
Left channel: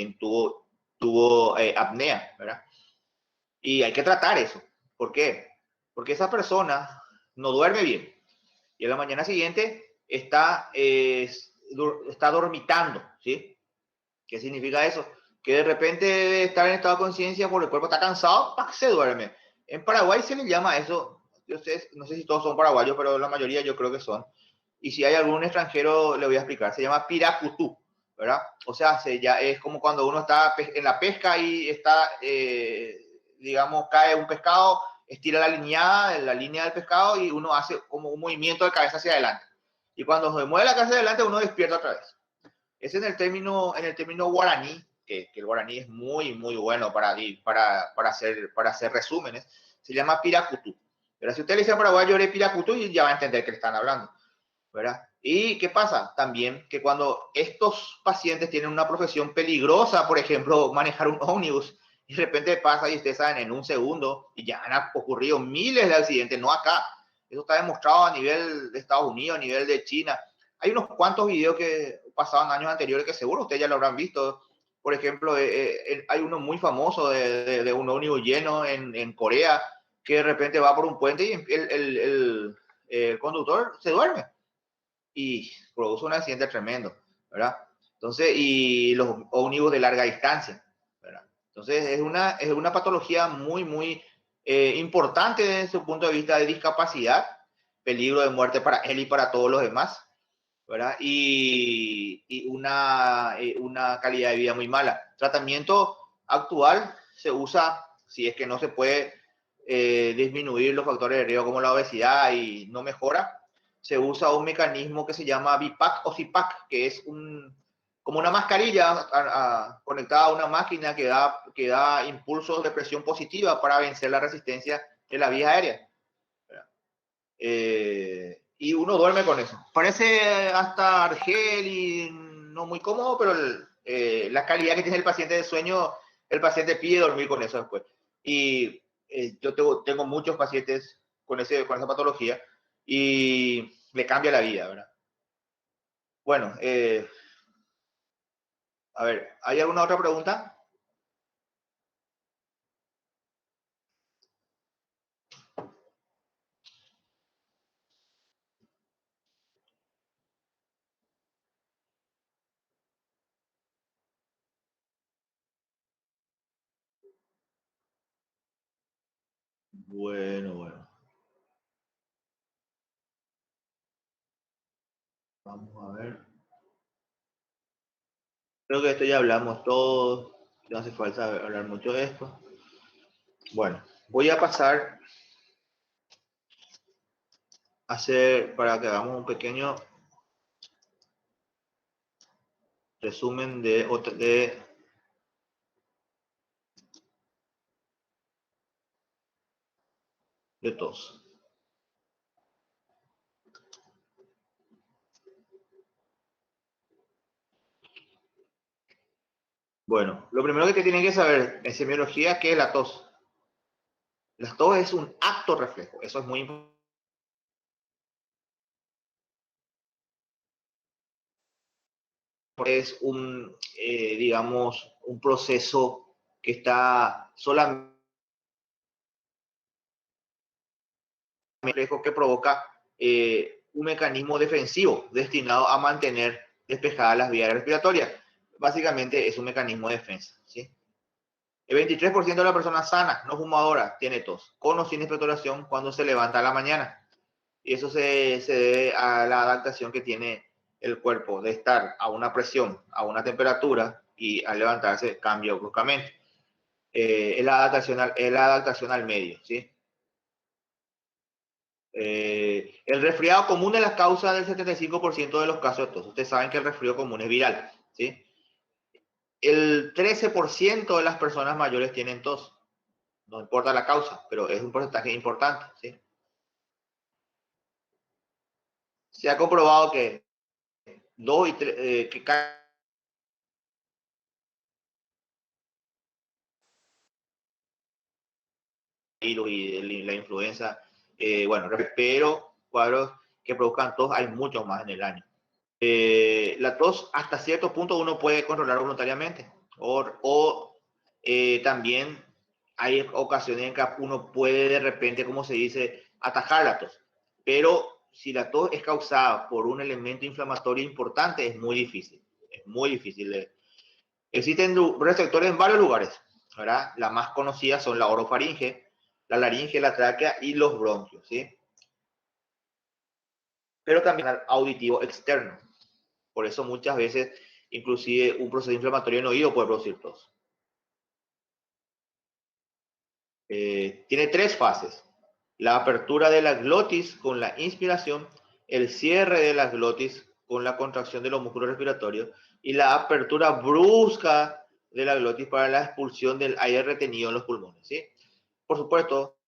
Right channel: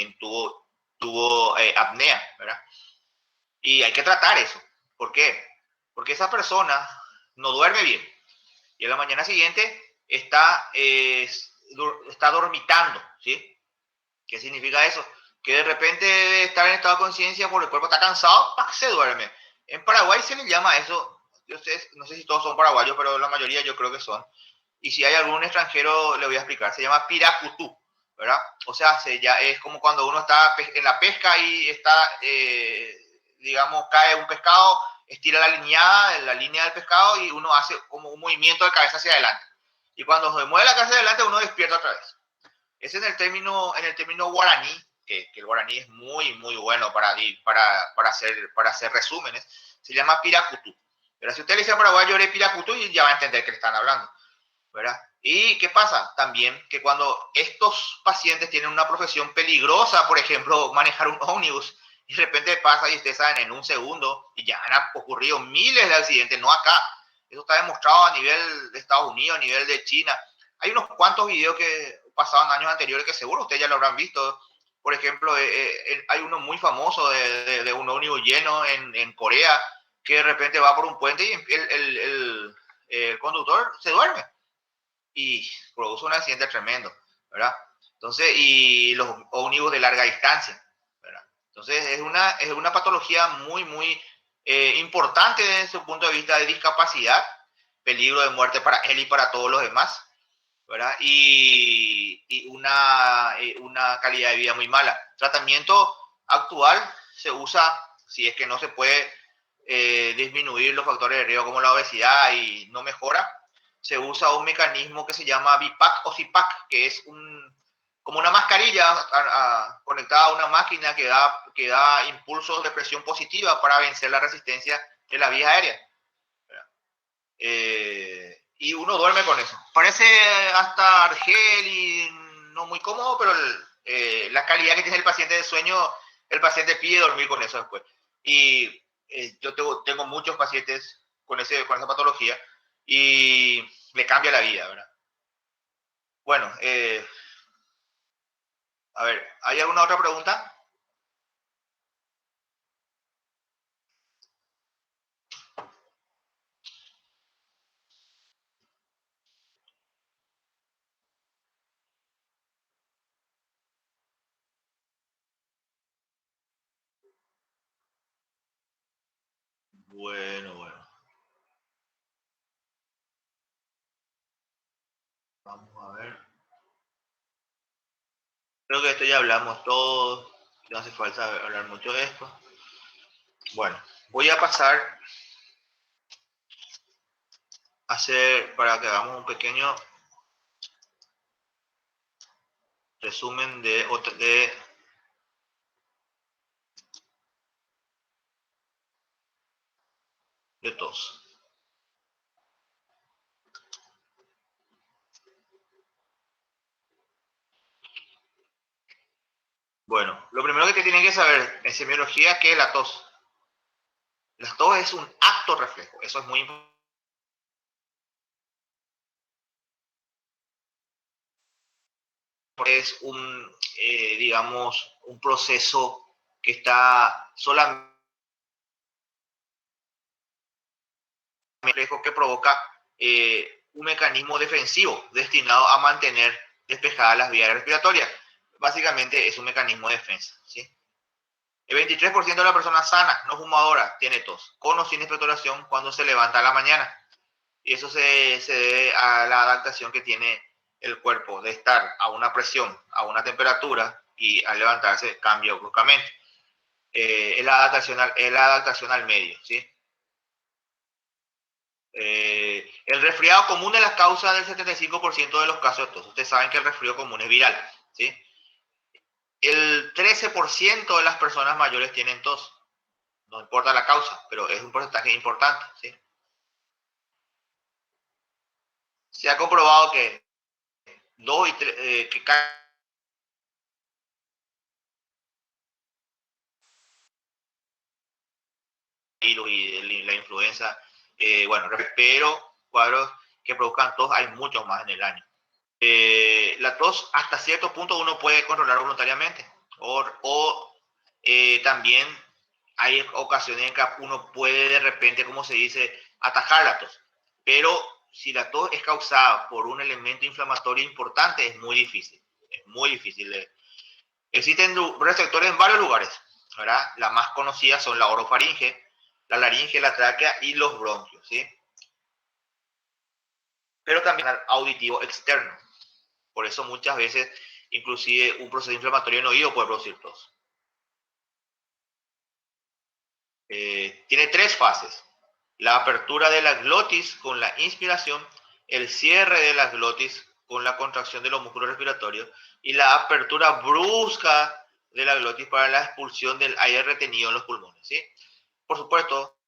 tuvo apnea, ¿verdad? Y hay que tratar eso. ¿Por qué? Porque esa persona no duerme bien y a la mañana siguiente está dormitando, ¿sí? ¿Qué significa eso? Que de repente de estar en estado de conciencia porque el cuerpo está cansado, se duerme. En Paraguay se le llama eso, yo no sé si todos son paraguayos, pero la mayoría yo creo que son. Y si hay algún extranjero, le voy a explicar. Se llama piracutú, ¿verdad? O sea, ya es como cuando uno está en la pesca y está, digamos, cae un pescado, estira la línea del pescado y uno hace como un movimiento de cabeza hacia adelante. Y cuando se mueve la cabeza hacia adelante, uno despierta otra vez. Ese es en el término guaraní, que el guaraní es muy, muy bueno para hacer resúmenes, se llama piracutú. Pero si usted le dice a paraguayo de piracutú, ya va a entender que le están hablando, ¿verdad? ¿Y qué pasa? También que cuando estos pacientes tienen una profesión peligrosa, por ejemplo, manejar un ómnibus, y de repente pasa y ustedes saben en un segundo, y ya han ocurrido miles de accidentes, no acá. Eso está demostrado a nivel de Estados Unidos, a nivel de China. Hay unos cuantos videos que pasaban años anteriores que seguro ustedes ya lo habrán visto. Por ejemplo, hay uno muy famoso de un ómnibus lleno en Corea, que de repente va por un puente y el conductor se duerme y produce un accidente tremendo, ¿verdad? Entonces, y los ómnibus de larga distancia, ¿verdad? Entonces, es una patología muy, muy importante desde su punto de vista de discapacidad, peligro de muerte para él y para todos los demás, ¿verdad? Y una calidad de vida muy mala. Tratamiento actual se usa, si es que no se puede disminuir los factores de riesgo como la obesidad y no mejora, se usa un mecanismo que se llama BIPAC o CIPAC, que es como una mascarilla conectada a una máquina que da impulsos de presión positiva para vencer la resistencia de la vía aérea. Y uno duerme con eso. Parece hasta argel y no muy cómodo, pero la calidad que tiene el paciente de sueño, el paciente pide dormir con eso después. Y yo tengo muchos pacientes con esa patología y le cambia la vida, ¿verdad? Bueno, a ver, ¿hay alguna otra pregunta? Bueno, bueno. Vamos a ver. Creo que esto ya hablamos todos. No hace falta hablar mucho de esto. Bueno, voy a pasar a hacer para que hagamos un pequeño Resumen de tos. Bueno, lo primero que te tienen que saber en semiología, ¿qué es la tos? La tos es un acto reflejo, eso es muy importante. Es digamos, un proceso que está solamente reflejo que provoca un mecanismo defensivo destinado a mantener despejadas las vías respiratorias. Básicamente es un mecanismo de defensa, ¿sí? El 23% de la persona sana, no fumadora, tiene tos, con o sin expectoración cuando se levanta a la mañana. Y eso se debe a la adaptación que tiene el cuerpo de estar a una presión, a una temperatura, y al levantarse cambia bruscamente. Es la adaptación al medio, ¿sí? El resfriado común es la causa del 75% de los casos de tos. Ustedes saben que el resfriado común es viral, ¿sí? El 13% de las personas mayores tienen tos. No importa la causa, pero es un porcentaje importante, ¿sí? Se ha comprobado que que cada virus y la influenza, bueno, pero cuadros que produzcan tos hay muchos más en el año. La tos hasta cierto punto uno puede controlar voluntariamente o también hay ocasiones en que uno puede de repente, como se dice, atajar la tos. Pero si la tos es causada por un elemento inflamatorio importante, es muy difícil. Es muy difícil. Existen receptores en varios lugares, ¿verdad? Las más conocidas son la orofaringe, la laringe, la tráquea y los bronquios, ¿sí? Pero también el auditivo externo. Por eso muchas veces, inclusive un proceso inflamatorio en oído puede producir tos. Tiene 3 fases. La apertura de la glotis con la inspiración, el cierre de la glotis con la contracción de los músculos respiratorios y la apertura brusca de la glotis para la expulsión del aire retenido en los pulmones, ¿sí? Por supuesto,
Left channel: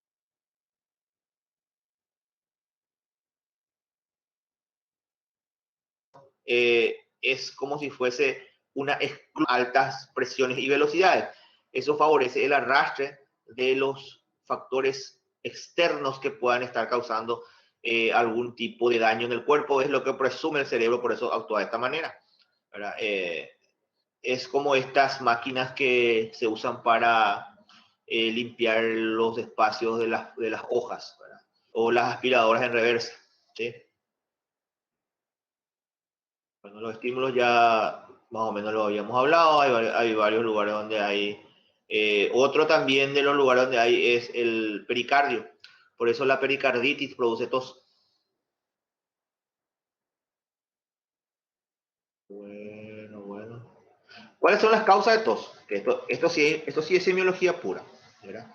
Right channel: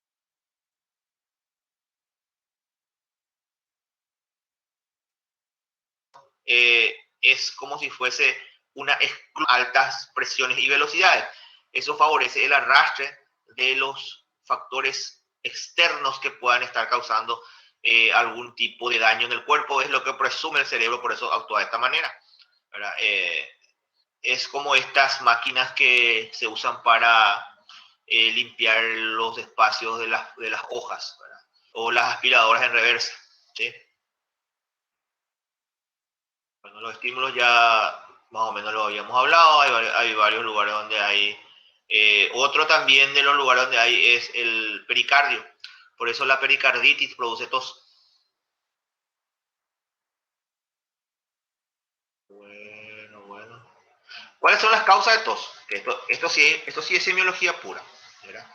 es como si fuese una altas presiones y velocidades. Eso favorece el arrastre de los factores externos que puedan estar causando algún tipo de daño en el cuerpo. Es lo que presume el cerebro, por eso actúa de esta manera. Es como estas máquinas que se usan para limpiar los espacios de las hojas, ¿verdad? O las aspiradoras en reversa, ¿sí? Bueno, los estímulos ya más o menos lo habíamos hablado, hay varios lugares donde hay. Otro también de los lugares donde hay es el pericardio. Por eso la pericarditis produce tos. Bueno. ¿Cuáles son las causas de tos? Esto sí es semiología pura, ¿verdad?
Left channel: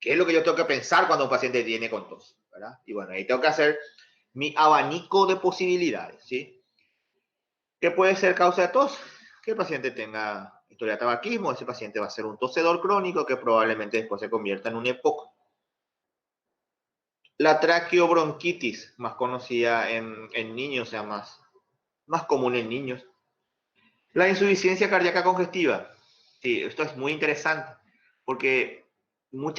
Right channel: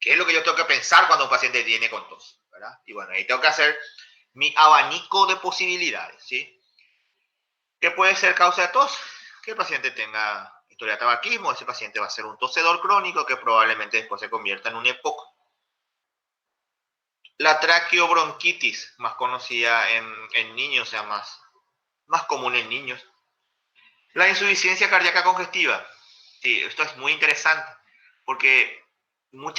¿Qué es lo que yo tengo que pensar cuando un paciente viene con tos? ¿Verdad? Y bueno, ahí tengo que hacer mi abanico de posibilidades, ¿sí? ¿Qué puede ser causa de tos? Que el paciente tenga historia de tabaquismo, ese paciente va a ser un tosedor crónico que probablemente después se convierta en un EPOC. La traqueobronquitis, más conocida en niños, o sea, más común en niños. La insuficiencia cardíaca congestiva. Sí, esto es muy interesante, porque no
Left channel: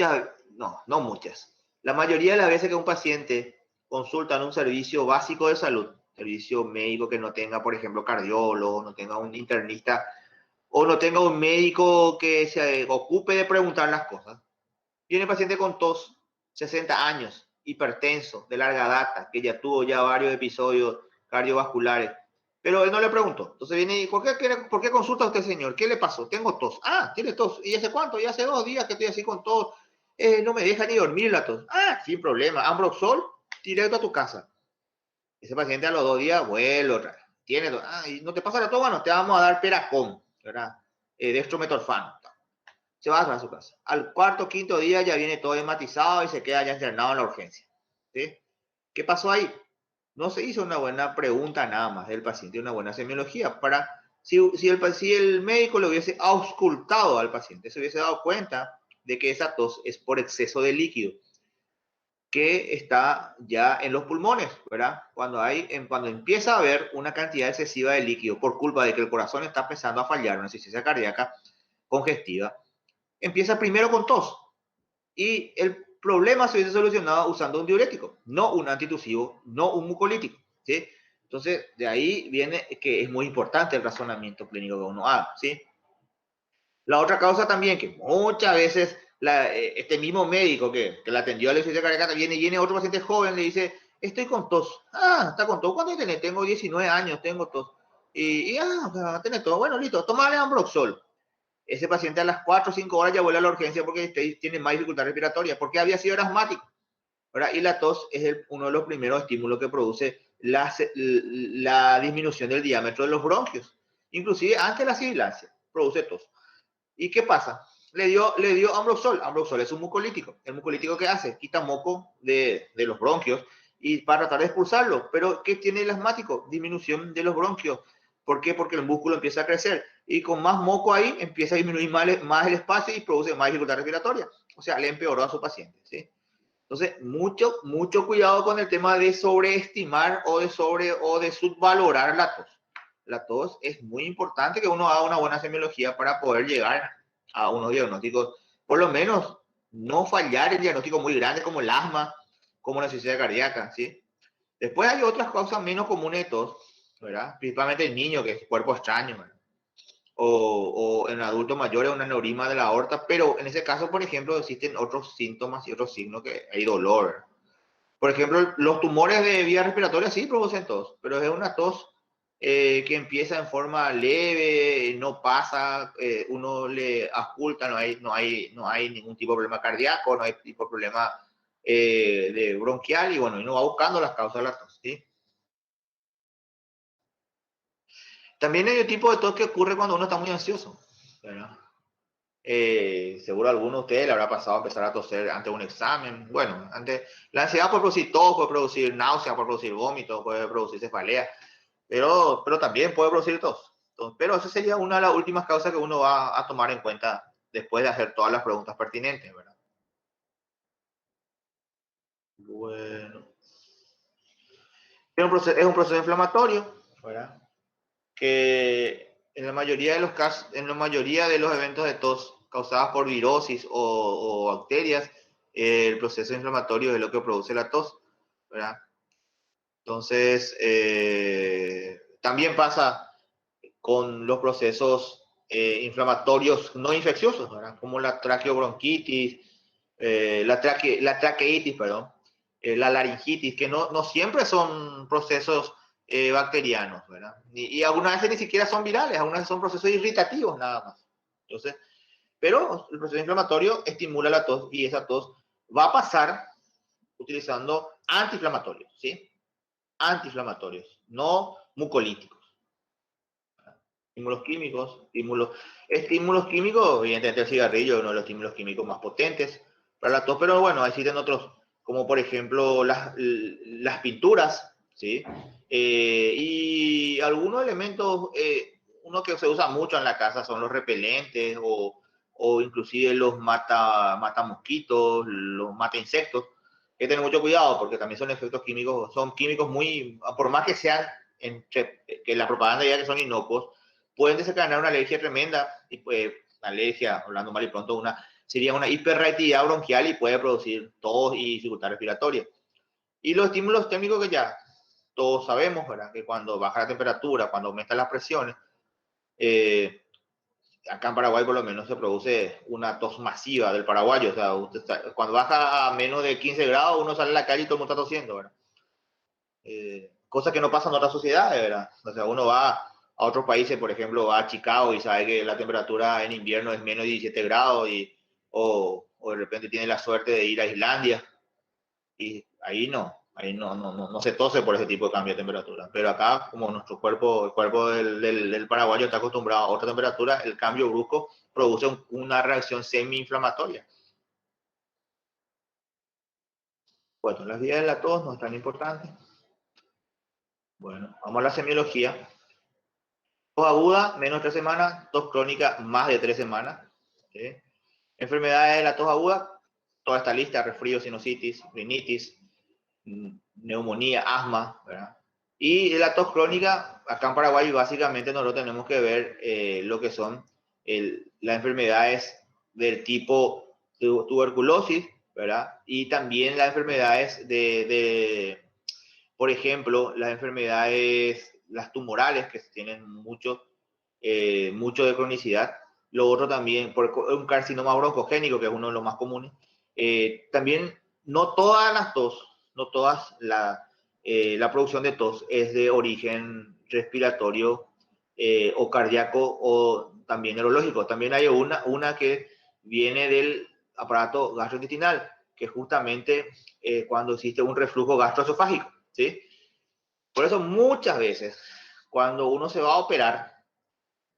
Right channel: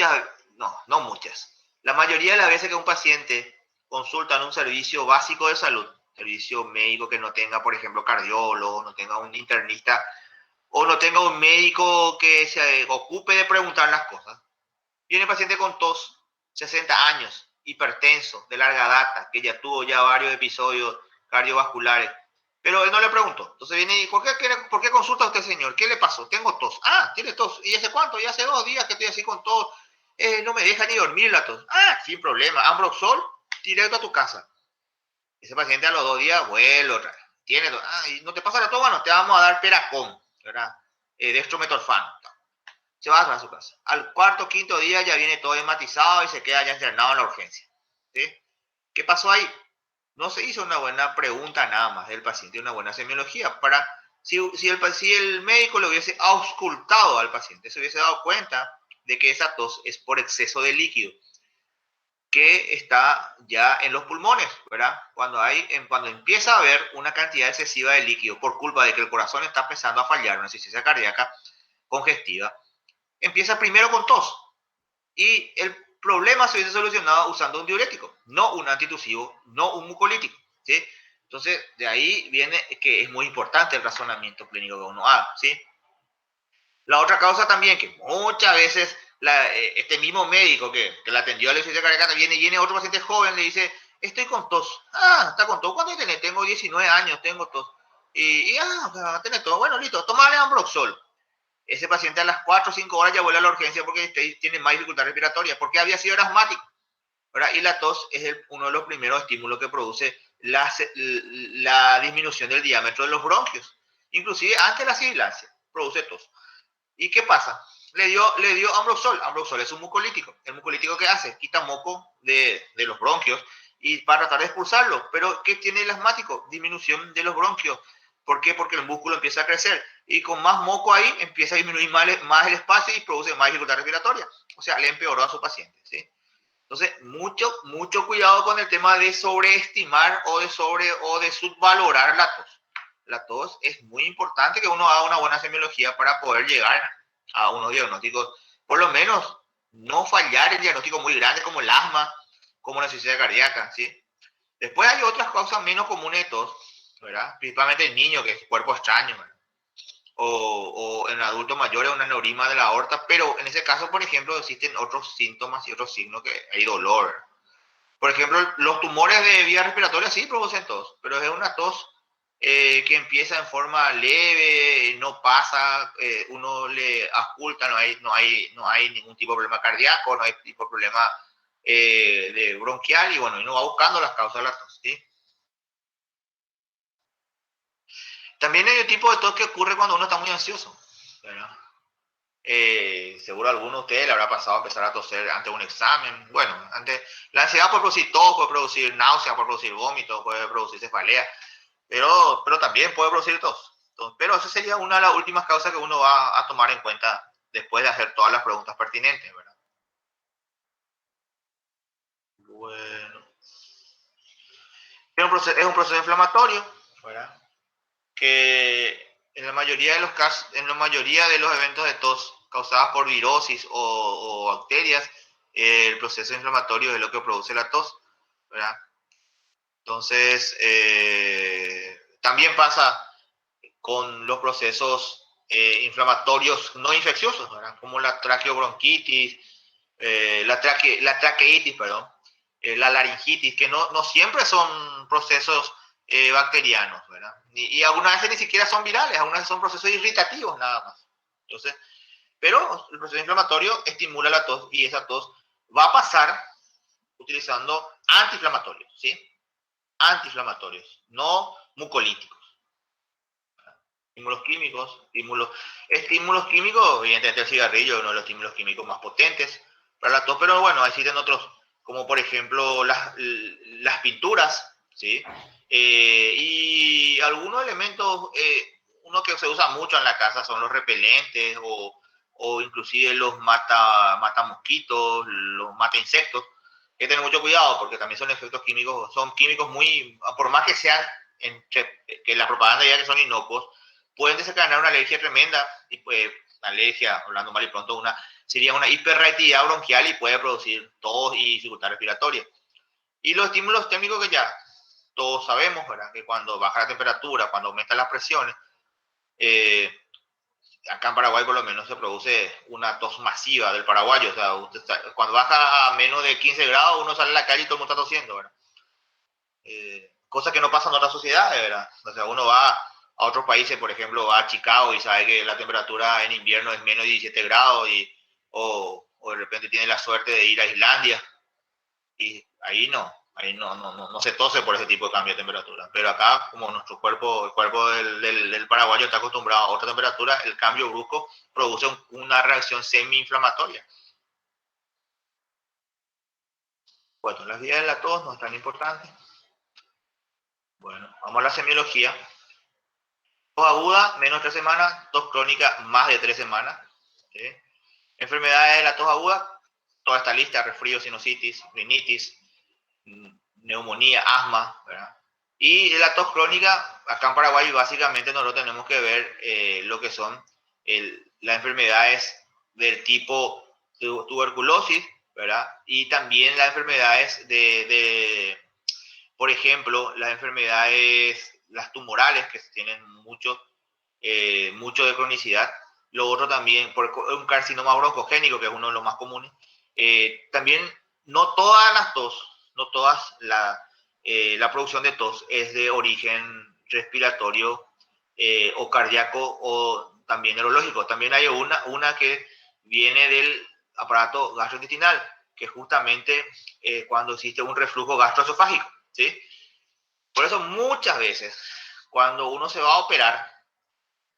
muchas. La mayoría de las veces que un paciente consulta en un servicio básico de salud, servicio médico que no tenga, por ejemplo, cardiólogo, no tenga un internista, o no tenga un médico que se ocupe de preguntar las cosas. Viene el paciente con tos, 60 años, hipertenso, de larga data, que ya tuvo ya varios episodios cardiovasculares, pero él no le preguntó. Entonces viene y, ¿por qué consulta a usted, señor? ¿Qué le pasó? Tengo tos. Ah, tiene tos. ¿Y hace cuánto? Ya hace 2 días que estoy así con tos. No me deja ni dormir la tos. Ah, sin problema. Ambroxol, directo a tu casa. Ese paciente a los 2 días vuelve otra vez. Tiene tos. Ah, ¿y no te pasa la tos? Bueno, te vamos a dar Peracon, ¿verdad? Dextrometorfano. Se va a su casa. Al cuarto, quinto día ya viene todo hematizado y se queda ya internado en la urgencia. ¿Sí? ¿Qué pasó ahí? No se hizo una buena pregunta nada más del paciente, una buena semiología para Si el médico le hubiese auscultado al paciente, se hubiese dado cuenta de que esa tos es por exceso de líquido que está ya en los pulmones, ¿verdad? Cuando empieza a haber una cantidad excesiva de líquido por culpa de que el corazón está empezando a fallar, una insuficiencia cardíaca congestiva, empieza primero con tos. Y el problema se hubiese solucionado usando un diurético, no un antitusivo, no un mucolítico, ¿sí? Entonces, de ahí viene que es muy importante el razonamiento clínico que uno haga, ¿sí? La otra causa también, que muchas veces este mismo médico que la atendió a la insuficiencia cardíaca viene otro paciente joven, le dice, estoy con tos. Ah, está con tos. ¿Cuánto tenés? Tengo 19 años, tengo tos. Tenés tos. Bueno, listo, tomale Ambroxol. Ese paciente a las 4 o 5 horas ya vuelve a la urgencia porque tiene más dificultad respiratoria, porque había sido asmático, ¿verdad? Y la tos es uno de los primeros estímulos que produce la disminución del diámetro de los bronquios. Inclusive antes de la sibilancia, produce tos. ¿Y qué pasa? Le dio Ambroxol. Ambroxol es un mucolítico. ¿El mucolítico qué hace? Quita moco de los bronquios y para tratar de expulsarlo. Pero ¿qué tiene el asmático? Disminución de los bronquios. ¿Por qué? Porque el músculo empieza a crecer y con más moco ahí empieza a disminuir más el espacio y produce más dificultad respiratoria. O sea, le empeoró a su paciente, ¿sí? Entonces, mucho cuidado con el tema de sobreestimar o de subvalorar la tos. La tos es muy importante que uno haga una buena semiología para poder llegar a unos diagnósticos, por lo menos no fallar en diagnósticos muy grandes como el asma, como la insuficiencia cardíaca, ¿sí? Después hay otras causas menos comunes de tos, ¿verdad? Principalmente en niños, que es cuerpo extraño, ¿verdad? O en adultos mayores un aneurisma de la aorta, pero en ese caso, por ejemplo, existen otros síntomas y otros signos que hay dolor. Por ejemplo, los tumores de vía respiratoria sí producen tos, pero es una tos que empieza en forma leve, no pasa, uno le ausculta, no hay ningún tipo de problema cardíaco, no hay tipo de problema de bronquial y bueno, uno va buscando las causas de la tos, ¿sí? También hay un tipo de tos que ocurre cuando uno está muy ansioso, ¿verdad? Seguro a alguno de ustedes le habrá pasado empezar a toser ante un examen. Bueno, la ansiedad puede producir tos, puede producir náusea, puede producir vómito, puede producir cefalea, pero también puede producir tos. Pero esa sería una de las últimas causas que uno va a tomar en cuenta después de hacer todas las preguntas pertinentes, ¿verdad? Bueno, es un proceso inflamatorio, ¿verdad? Que en la mayoría de los casos, en la mayoría de los eventos de tos causadas por virosis o bacterias, el proceso inflamatorio es lo que produce la tos, ¿verdad? Entonces, también pasa con los procesos inflamatorios no infecciosos, ¿verdad? Como la traqueobronquitis, la traqueitis, perdón, la laringitis, que no siempre son procesos bacterianos, ¿verdad? Y algunas veces ni siquiera son virales, algunas veces son procesos irritativos nada más. Entonces, pero el proceso inflamatorio estimula la tos y esa tos va a pasar utilizando antiinflamatorios, ¿sí? Antiinflamatorios, no mucolíticos. Estímulos químicos, evidentemente el cigarrillo es uno de los estímulos químicos más potentes para la tos, pero bueno, existen otros, como por ejemplo las pinturas, ¿sí? Y algunos elementos, uno que se usa mucho en la casa son los repelentes o inclusive los mata mosquitos, los mata insectos. Hay que tener mucho cuidado porque también son efectos químicos, son químicos muy, por más que sean, que la propaganda diga que son inocuos, pueden desencadenar una alergia tremenda y pues alergia, hablando mal y pronto, sería una hiperreactividad bronquial y puede producir tos y dificultad respiratoria. Y los estímulos térmicos que ya todos sabemos, ¿verdad? Que cuando baja la temperatura, cuando aumentan las presiones, eh, acá en Paraguay por lo menos se produce una tos masiva del paraguayo, o sea, cuando baja a menos de 15 grados uno sale a la calle y todo el mundo está tosiendo, ¿verdad? Cosa que no pasa en otras sociedades, ¿verdad? O sea, uno va a otros países, por ejemplo, va a Chicago y sabe que la temperatura en invierno es menos de 17 grados o de repente tiene la suerte de ir a Islandia y ahí no se tose por ese tipo de cambio de temperatura. Pero acá, como nuestro cuerpo, el cuerpo del paraguayo está acostumbrado a otra temperatura, el cambio brusco produce una reacción semi-inflamatoria. Bueno, las vías de la tos no es tan importante. Bueno, vamos a la semiología. Tos aguda, menos de 3 semanas. Tos crónica, más de 3 semanas. ¿Sí? Enfermedades de la tos aguda, toda esta lista: resfrío, sinusitis, rinitis, neumonía, asma, ¿verdad? Y de la tos crónica, acá en Paraguay básicamente nosotros tenemos que ver lo que son las enfermedades del tipo tuberculosis, ¿verdad? Y también las enfermedades por ejemplo, las enfermedades, las tumorales, que tienen mucho de cronicidad. Lo otro también, por un carcinoma broncogénico, que es uno de los más comunes. También, no todas las tos, no todas la producción de tos es de origen respiratorio o cardíaco o también neurológico. También hay una que viene del aparato gastrointestinal, que es justamente cuando existe un reflujo gastroesofágico, ¿sí? Por eso muchas veces, cuando uno se va a operar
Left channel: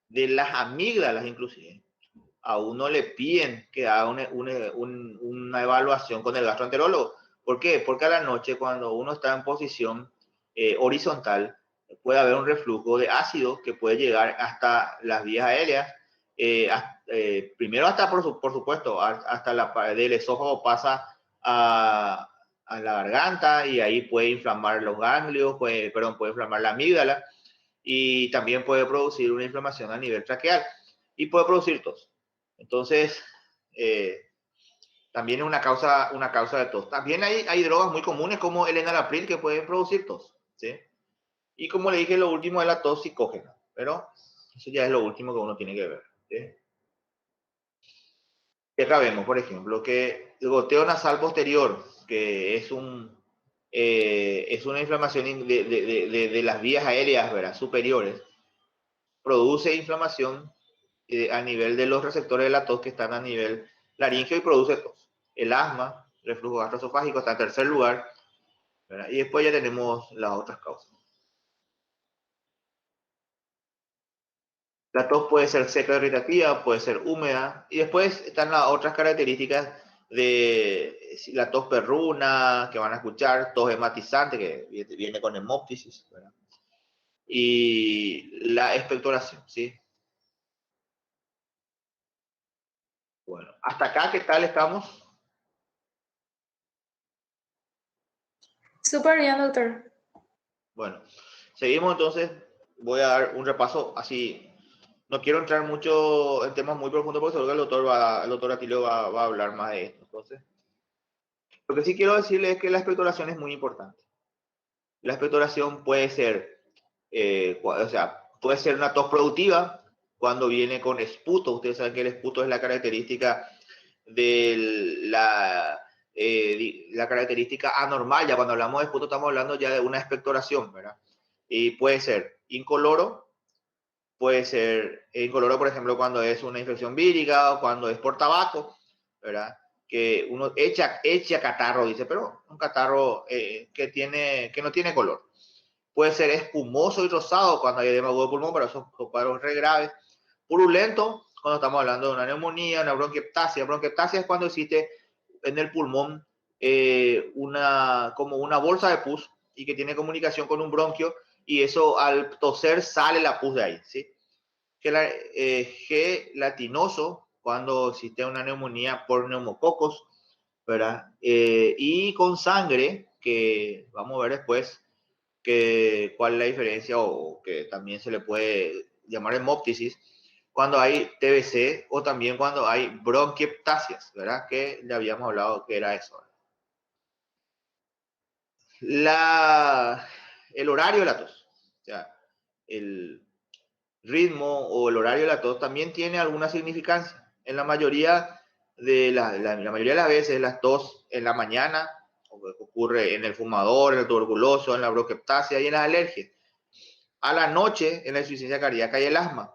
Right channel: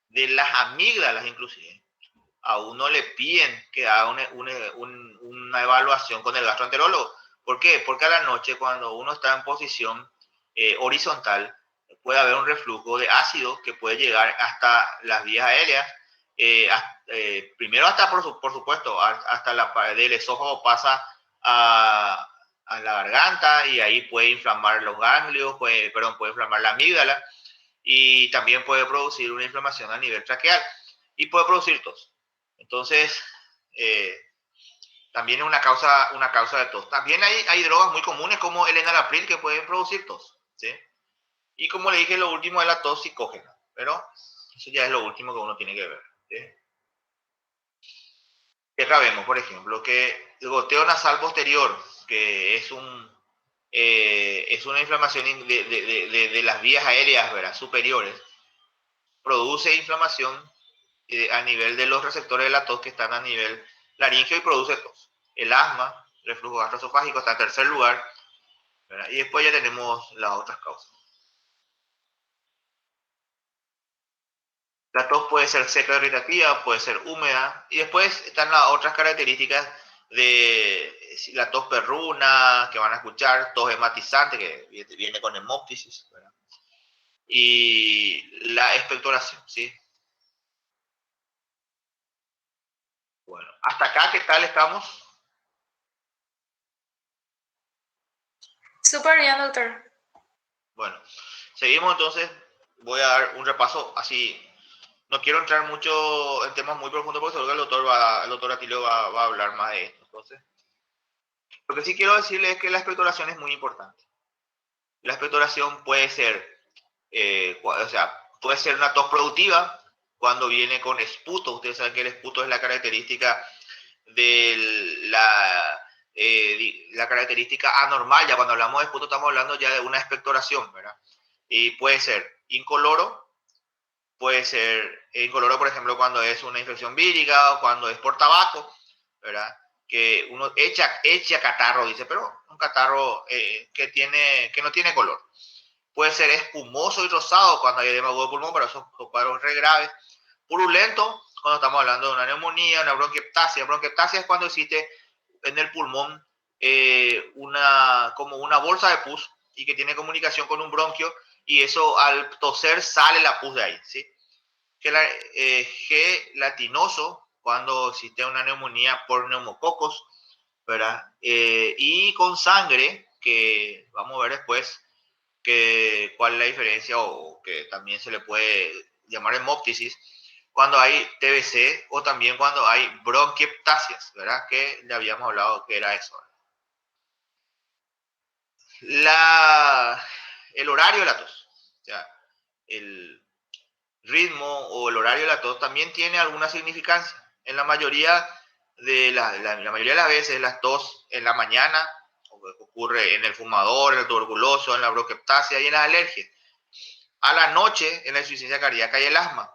de las amígdalas inclusive, a uno le piden que haga una evaluación con el gastroenterólogo. ¿Por qué? Porque a la noche, cuando uno está en posición horizontal, puede haber un reflujo de ácido que puede llegar hasta las vías aéreas. Primero hasta, por supuesto, hasta del esófago pasa a la garganta, y ahí puede inflamar los ganglios, puede inflamar la amígdala, y también puede producir una inflamación a nivel traqueal y puede producir tos. Entonces, también es una causa de tos. También hay drogas muy comunes como el enalapril que pueden producir tos, ¿sí? Y como le dije, lo último es la tos psicógena, pero eso ya es lo último que uno tiene que ver, ¿sí? Y acá vemos, por ejemplo, que el goteo nasal posterior, que es una inflamación de las vías aéreas, ¿verdad?, superiores, produce inflamación a nivel de los receptores de la tos que están a nivel laríngeo y produce tos. El asma, reflujo gastroesofágico, está en tercer lugar, ¿verdad? Y después ya tenemos las otras causas. La tos puede ser seca, irritativa, puede ser húmeda, y después están las otras características de la tos perruna, que van a escuchar, tos hematizante, que viene con hemóptisis, ¿verdad? Y la expectoración, ¿sí? Bueno, hasta acá, ¿qué tal estamos? Súper bien, doctor. Bueno, seguimos entonces. Voy a dar un repaso así. No quiero entrar mucho en temas muy profundos porque seguro que el doctor Atilio va a hablar más de esto. Entonces, lo que sí quiero decirle es que la expectoración es muy importante. La expectoración puede ser, puede ser una tos productiva cuando viene con esputo. Ustedes saben que el esputo es la característica de la característica anormal. Ya cuando hablamos de esputo estamos hablando ya de una expectoración, ¿verdad? Y puede ser incoloro, puede ser incoloro, por ejemplo, cuando es una infección vírica o cuando es por tabaco, ¿verdad? Que uno echa catarro, dice, pero un catarro que no tiene color. Puede ser espumoso y rosado cuando hay edema agudo de pulmón, pero esos son cuadros re graves. Purulento, cuando estamos hablando de una neumonía, una bronquiectasia. Bronquiectasia es cuando existe en el pulmón como una bolsa de pus y que tiene comunicación con un bronquio, y eso al toser sale la pus de ahí, ¿sí? Gelatinoso, cuando existe una neumonía por neumococos, ¿verdad? Y con sangre, que vamos a ver después cuál es la diferencia, o que también se le puede llamar hemóptisis, cuando hay TBC o también cuando hay bronquiectasias, ¿verdad? Que ya habíamos hablado que era eso. El horario de la tos, o sea, el ritmo o el horario de la tos también tiene alguna significancia. En la mayoría la mayoría de las veces la tos en la mañana ocurre en el fumador, en el tuberculoso, en la bronquiectasia y en las alergias. A la noche en la insuficiencia cardíaca y el asma.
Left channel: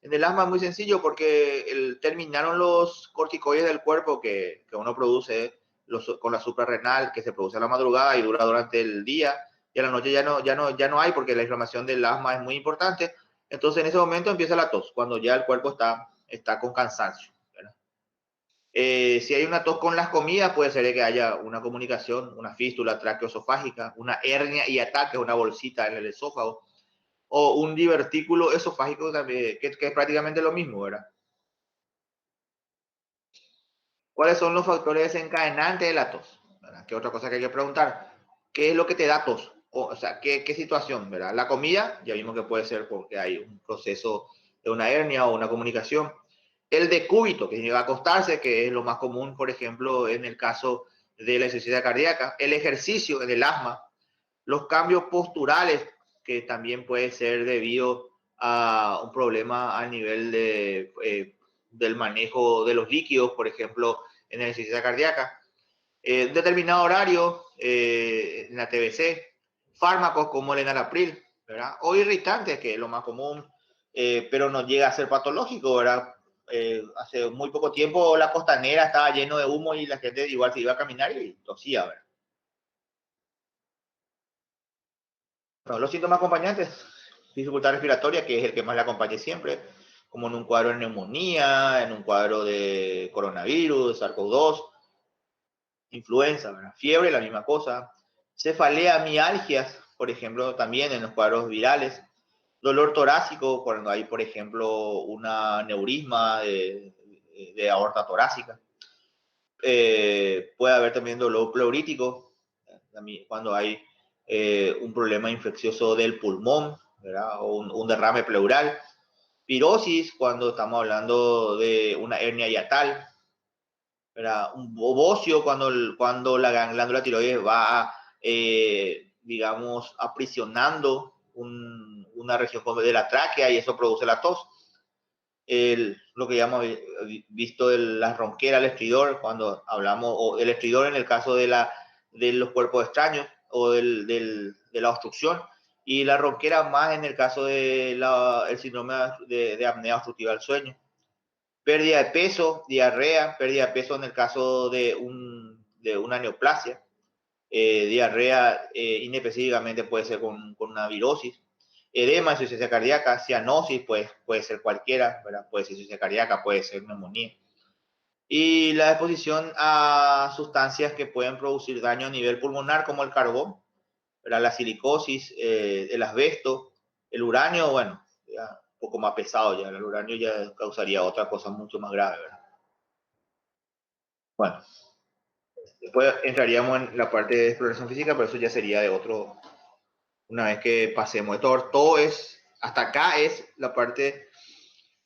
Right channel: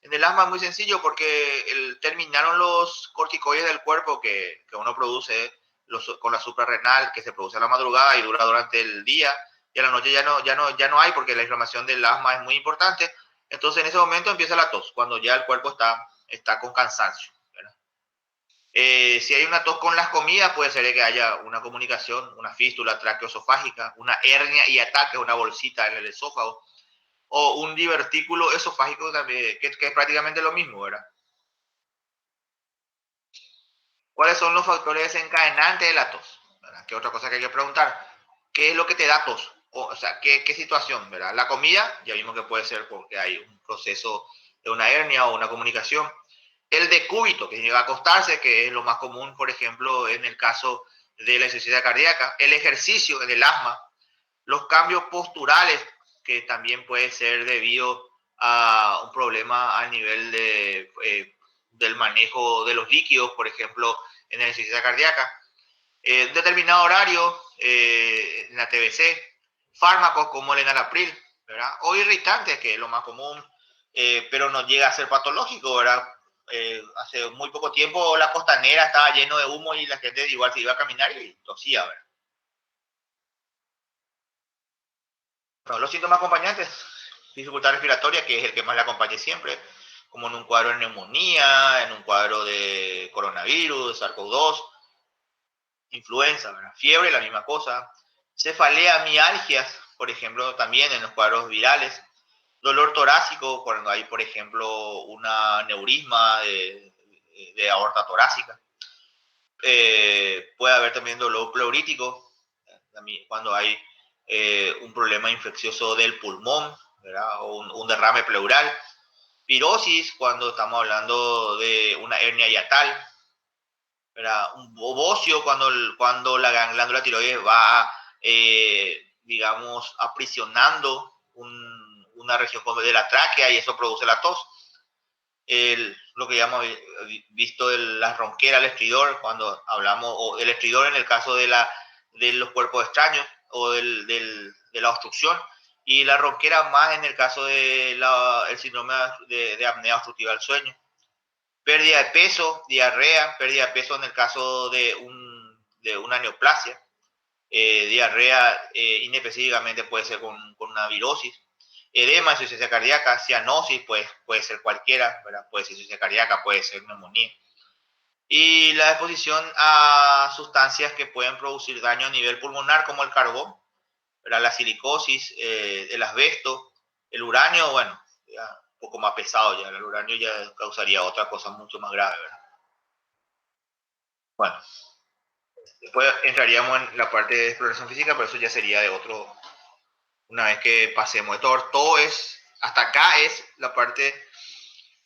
En el asma es muy sencillo porque terminaron los corticoides del cuerpo que uno produce con la suprarrenal, que se produce a la madrugada y dura durante el día, y a la noche ya no hay, porque la inflamación del asma es muy importante. Entonces en ese momento empieza la tos, cuando ya el cuerpo está con cansancio, ¿verdad? Si hay una tos con las comidas, puede ser que haya una comunicación, una fístula traqueoesofágica, una hernia hiatal, que es una bolsita en el esófago, o un divertículo esofágico también, que es prácticamente lo mismo, ¿verdad? ¿Cuáles son los factores desencadenantes de la tos? ¿Verdad? ¿Qué otra cosa que hay que preguntar? ¿Qué es lo que te da tos? O sea, ¿qué situación? ¿Verdad? La comida, ya vimos que puede ser porque hay un proceso de una hernia o una comunicación. El decúbito, que llega a acostarse, que es lo más común, por ejemplo, en el caso de la insuficiencia cardíaca. El ejercicio en el asma. Los cambios posturales, que también puede ser debido a un problema a nivel del manejo de los líquidos, por ejemplo, en la insuficiencia cardíaca. Determinado horario en la TBC, fármacos como el enalapril, ¿verdad? O irritantes, que es lo más común, pero no llega a ser patológico, ¿verdad? Hace muy poco tiempo la costanera estaba lleno de humo y la gente igual se iba a caminar y tosía, ¿verdad? Bueno, los síntomas acompañantes, dificultad respiratoria, que es el que más le acompañe siempre, como en un cuadro de neumonía, en un cuadro de coronavirus, SARS-CoV-2, influenza, ¿verdad? Fiebre, la misma cosa, cefalea, mialgias, por ejemplo, también en los cuadros virales, dolor torácico, cuando hay, por ejemplo, una neurisma de aorta torácica, puede haber también dolor pleurítico, cuando hay un problema infeccioso del pulmón, ¿verdad? O un derrame pleural, pirosis, cuando estamos hablando de una hernia hiatal, ¿verdad? Un bocio cuando la glándula tiroides va, digamos, aprisionando una región de la tráquea y eso produce la tos. Lo que ya hemos visto de la ronquera, el estridor, cuando hablamos, o el estridor en el caso de los cuerpos extraños o de la obstrucción, y la ronquera más en el caso del síndrome de apnea obstructiva del sueño. Pérdida de peso, diarrea, pérdida de peso en el caso de una neoplasia, diarrea inespecíficamente puede ser con una virosis, edema, insuficiencia cardíaca, cianosis, pues puede ser cualquiera, ¿verdad? Puede ser insuficiencia cardíaca, puede ser neumonía. Y la exposición a sustancias que pueden producir daño a nivel pulmonar, como el carbón, ¿verdad? La silicosis, el asbesto, el uranio, bueno, ya un poco más pesado ya, el uranio ya causaría otra cosa mucho más grave, ¿verdad? Bueno, después entraríamos en la parte de exploración física, pero eso ya sería de otro, una vez que pasemos de todo es, hasta acá es la parte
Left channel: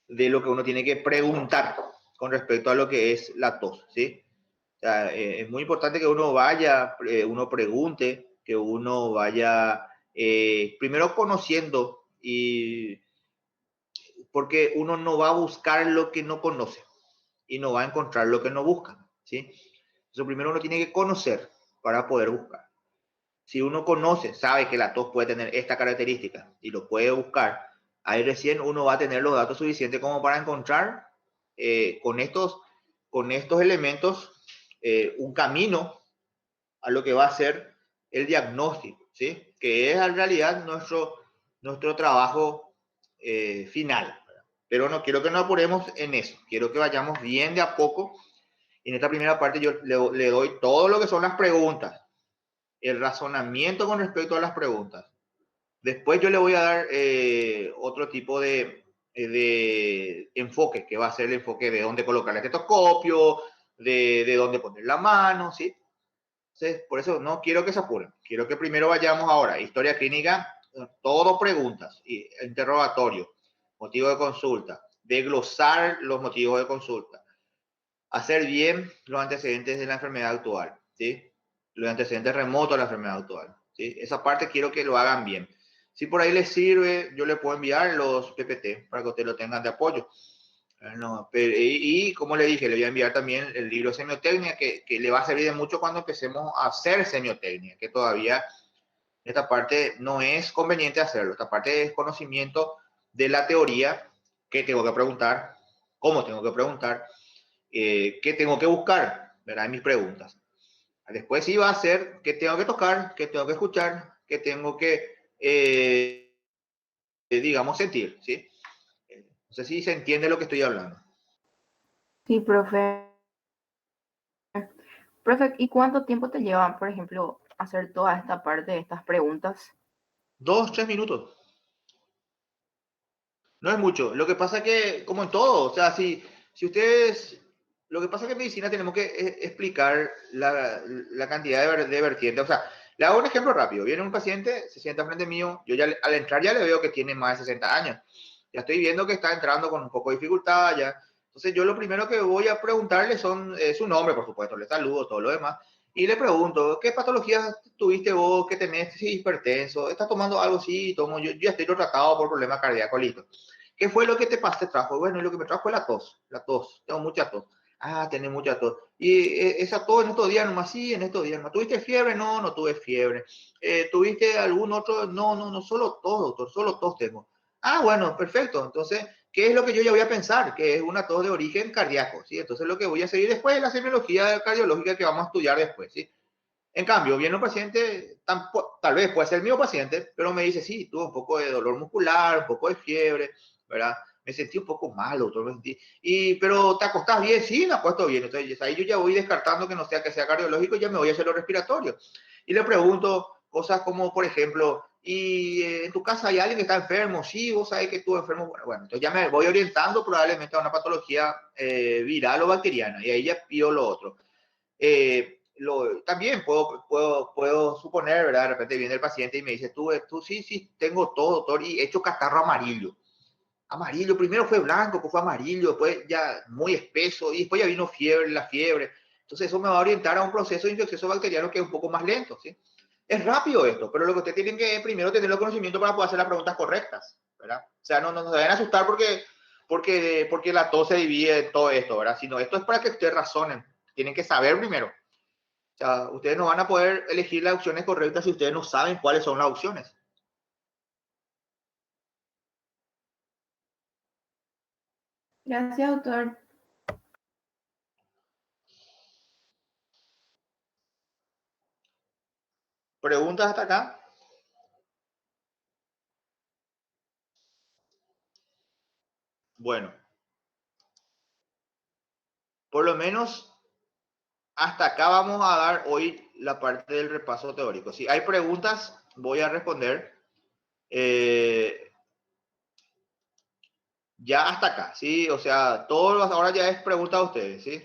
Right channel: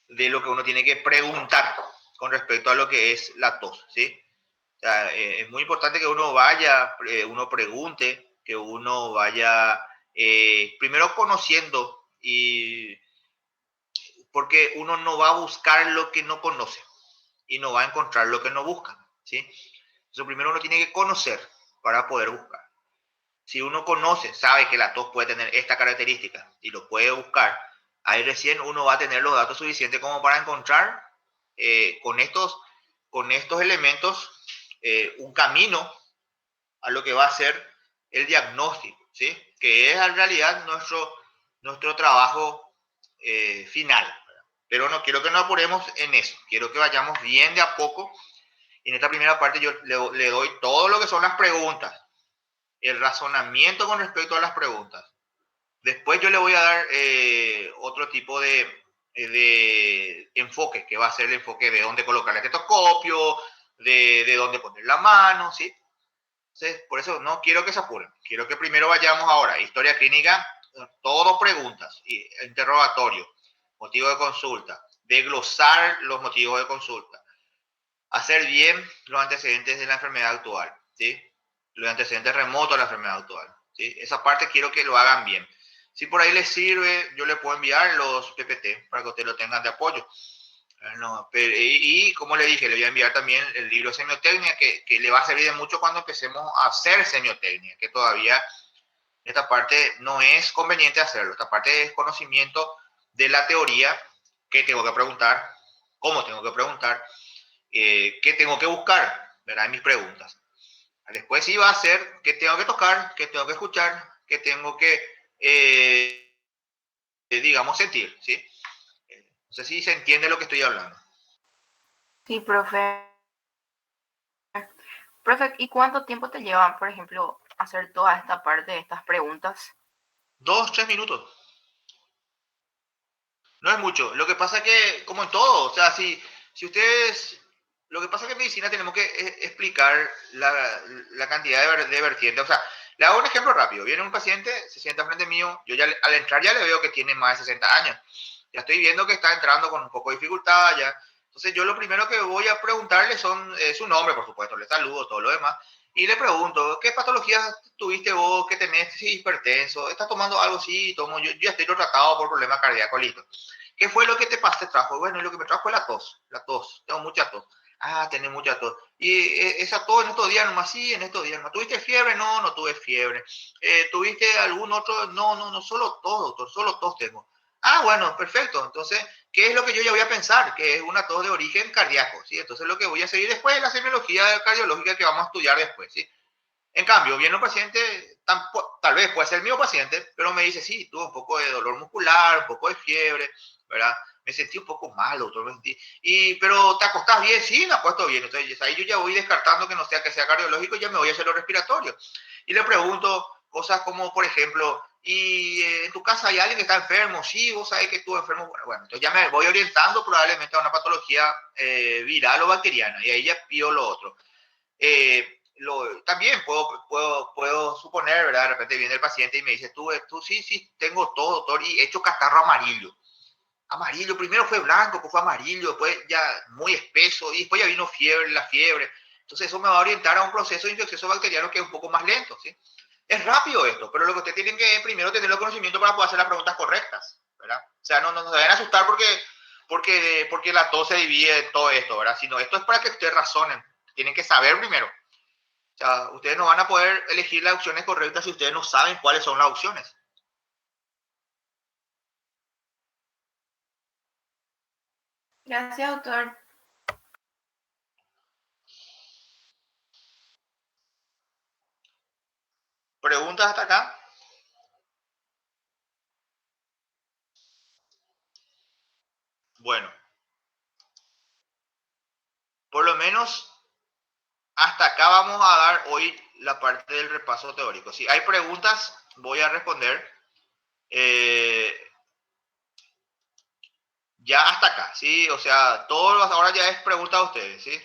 de lo que uno tiene que preguntar con respecto a lo que es la tos, ¿sí? O sea, es muy importante que uno vaya, uno pregunte, que uno vaya primero conociendo, y porque uno no va a buscar lo que no conoce y no va a encontrar lo que no busca, ¿sí? Entonces primero uno tiene que conocer para poder buscar. Si uno conoce, sabe que la tos puede tener esta característica y lo puede buscar, ahí recién uno va a tener los datos suficientes como para encontrar con estos elementos un camino a lo que va a ser el diagnóstico, ¿sí? Que es en realidad nuestro trabajo final. ¿Verdad? Pero no quiero que nos apuremos en eso, quiero que vayamos bien de a poco. Y en esta primera parte yo le doy todo lo que son las preguntas, el razonamiento con respecto a las preguntas. Después yo le voy a dar otro tipo de enfoque, que va a ser el enfoque de dónde colocar el estetoscopio, de dónde poner la mano, ¿sí? Entonces, por eso no quiero que se apuren. Quiero que primero vayamos ahora, historia clínica, todo preguntas, interrogatorio, motivo de consulta, desglosar los motivos de consulta, hacer bien los antecedentes de la enfermedad actual, ¿sí? Los antecedentes remotos de la enfermedad actual, ¿sí? Esa parte quiero que lo hagan bien. Si por ahí les sirve, yo les puedo enviar los PPT para que ustedes lo tengan de apoyo. No, y como le dije, le voy a enviar también el libro de semiotecnia, que le va a servir de mucho cuando empecemos a hacer semiotecnia, que todavía esta parte no es conveniente hacerlo. Esta parte es conocimiento de la teoría, qué tengo que preguntar, cómo tengo que preguntar, qué tengo que buscar, ¿verdad? En mis preguntas. Después sí va a ser qué tengo que tocar, qué tengo que escuchar, qué tengo que, digamos, sentir, ¿sí? No sé si se entiende lo que estoy hablando. Sí, profe. Profe, ¿y cuánto tiempo te lleva, por ejemplo, hacer toda esta parte de estas preguntas? 2, 3 minutos. No es mucho. Lo que pasa es que, como en todo, o sea, si ustedes... Lo que pasa es que en medicina tenemos que explicar la cantidad de vertientes. O sea, le hago un ejemplo rápido. Viene un paciente, se sienta frente mío, yo ya al entrar ya le veo que tiene más de 60 años. Ya estoy viendo que está entrando con un poco de dificultad ya. Entonces yo lo primero que voy a preguntarle son su nombre, por supuesto, le saludo, todo lo demás. Y le pregunto, ¿qué patologías tuviste vos? ¿Qué tenés? ¿Sí, hipertenso? ¿Estás tomando algo? Sí, tomo. Yo ya estoy tratado por problemas cardíacos, listo. ¿Qué fue lo que te trajo? Bueno, lo que me trajo fue la tos. La tos. Tengo mucha tos. Ah, tenés mucha tos. Y esa tos en estos días nomás, sí, en estos días nomás. ¿Tuviste fiebre? No, no tuve fiebre. ¿Tuviste algún otro? No, no, no, solo tos, doctor, solo tos tengo. Ah, bueno, perfecto. Entonces, ¿qué es lo que yo ya voy a pensar? Que es una tos de origen cardíaco, ¿sí? Entonces, lo que voy a seguir después es la semiología cardiológica que vamos a estudiar después, ¿sí? En cambio, viene un paciente, tal vez puede ser el mismo paciente, pero me dice, sí, tuve un poco de dolor muscular, un poco de fiebre, ¿verdad? Me sentí un poco mal, doctor, me sentí. Pero ¿te acostás bien? Sí, me acuesto bien. Entonces, ahí yo ya voy descartando que sea cardiológico, ya me voy a hacer lo respiratorio. Y le pregunto cosas como, por ejemplo, ¿y en tu casa hay alguien que está enfermo? Sí, vos sabés que estuvo enfermo. Bueno, entonces ya me voy orientando probablemente a una patología viral o bacteriana, y ahí ya pido lo otro. También puedo suponer, ¿verdad? De repente viene el paciente y me dice, tú sí, sí, tengo todo, doctor, y he hecho catarro amarillo. Amarillo, primero fue blanco, después fue amarillo, después ya muy espeso, y después ya vino fiebre, la fiebre. Entonces eso me va a orientar a un proceso de infeccioso bacteriano que es un poco más lento, ¿sí? Es rápido esto, pero lo que usted tiene que primero tener los conocimientos para poder hacer las preguntas correctas, ¿verdad? O sea, no se vayan a asustar porque la tos se divide en todo esto, ¿verdad? Sino esto es para que ustedes razonen. Tienen que saber primero. O sea, ustedes no van a poder elegir las opciones correctas si ustedes no saben cuáles son las opciones. Gracias, doctor. ¿Preguntas hasta acá? Bueno, por lo menos hasta acá vamos a dar hoy la parte del repaso teórico. Si hay preguntas, voy a responder. Ya hasta acá, ¿sí? O sea, todo ahora ya es pregunta a ustedes, ¿sí?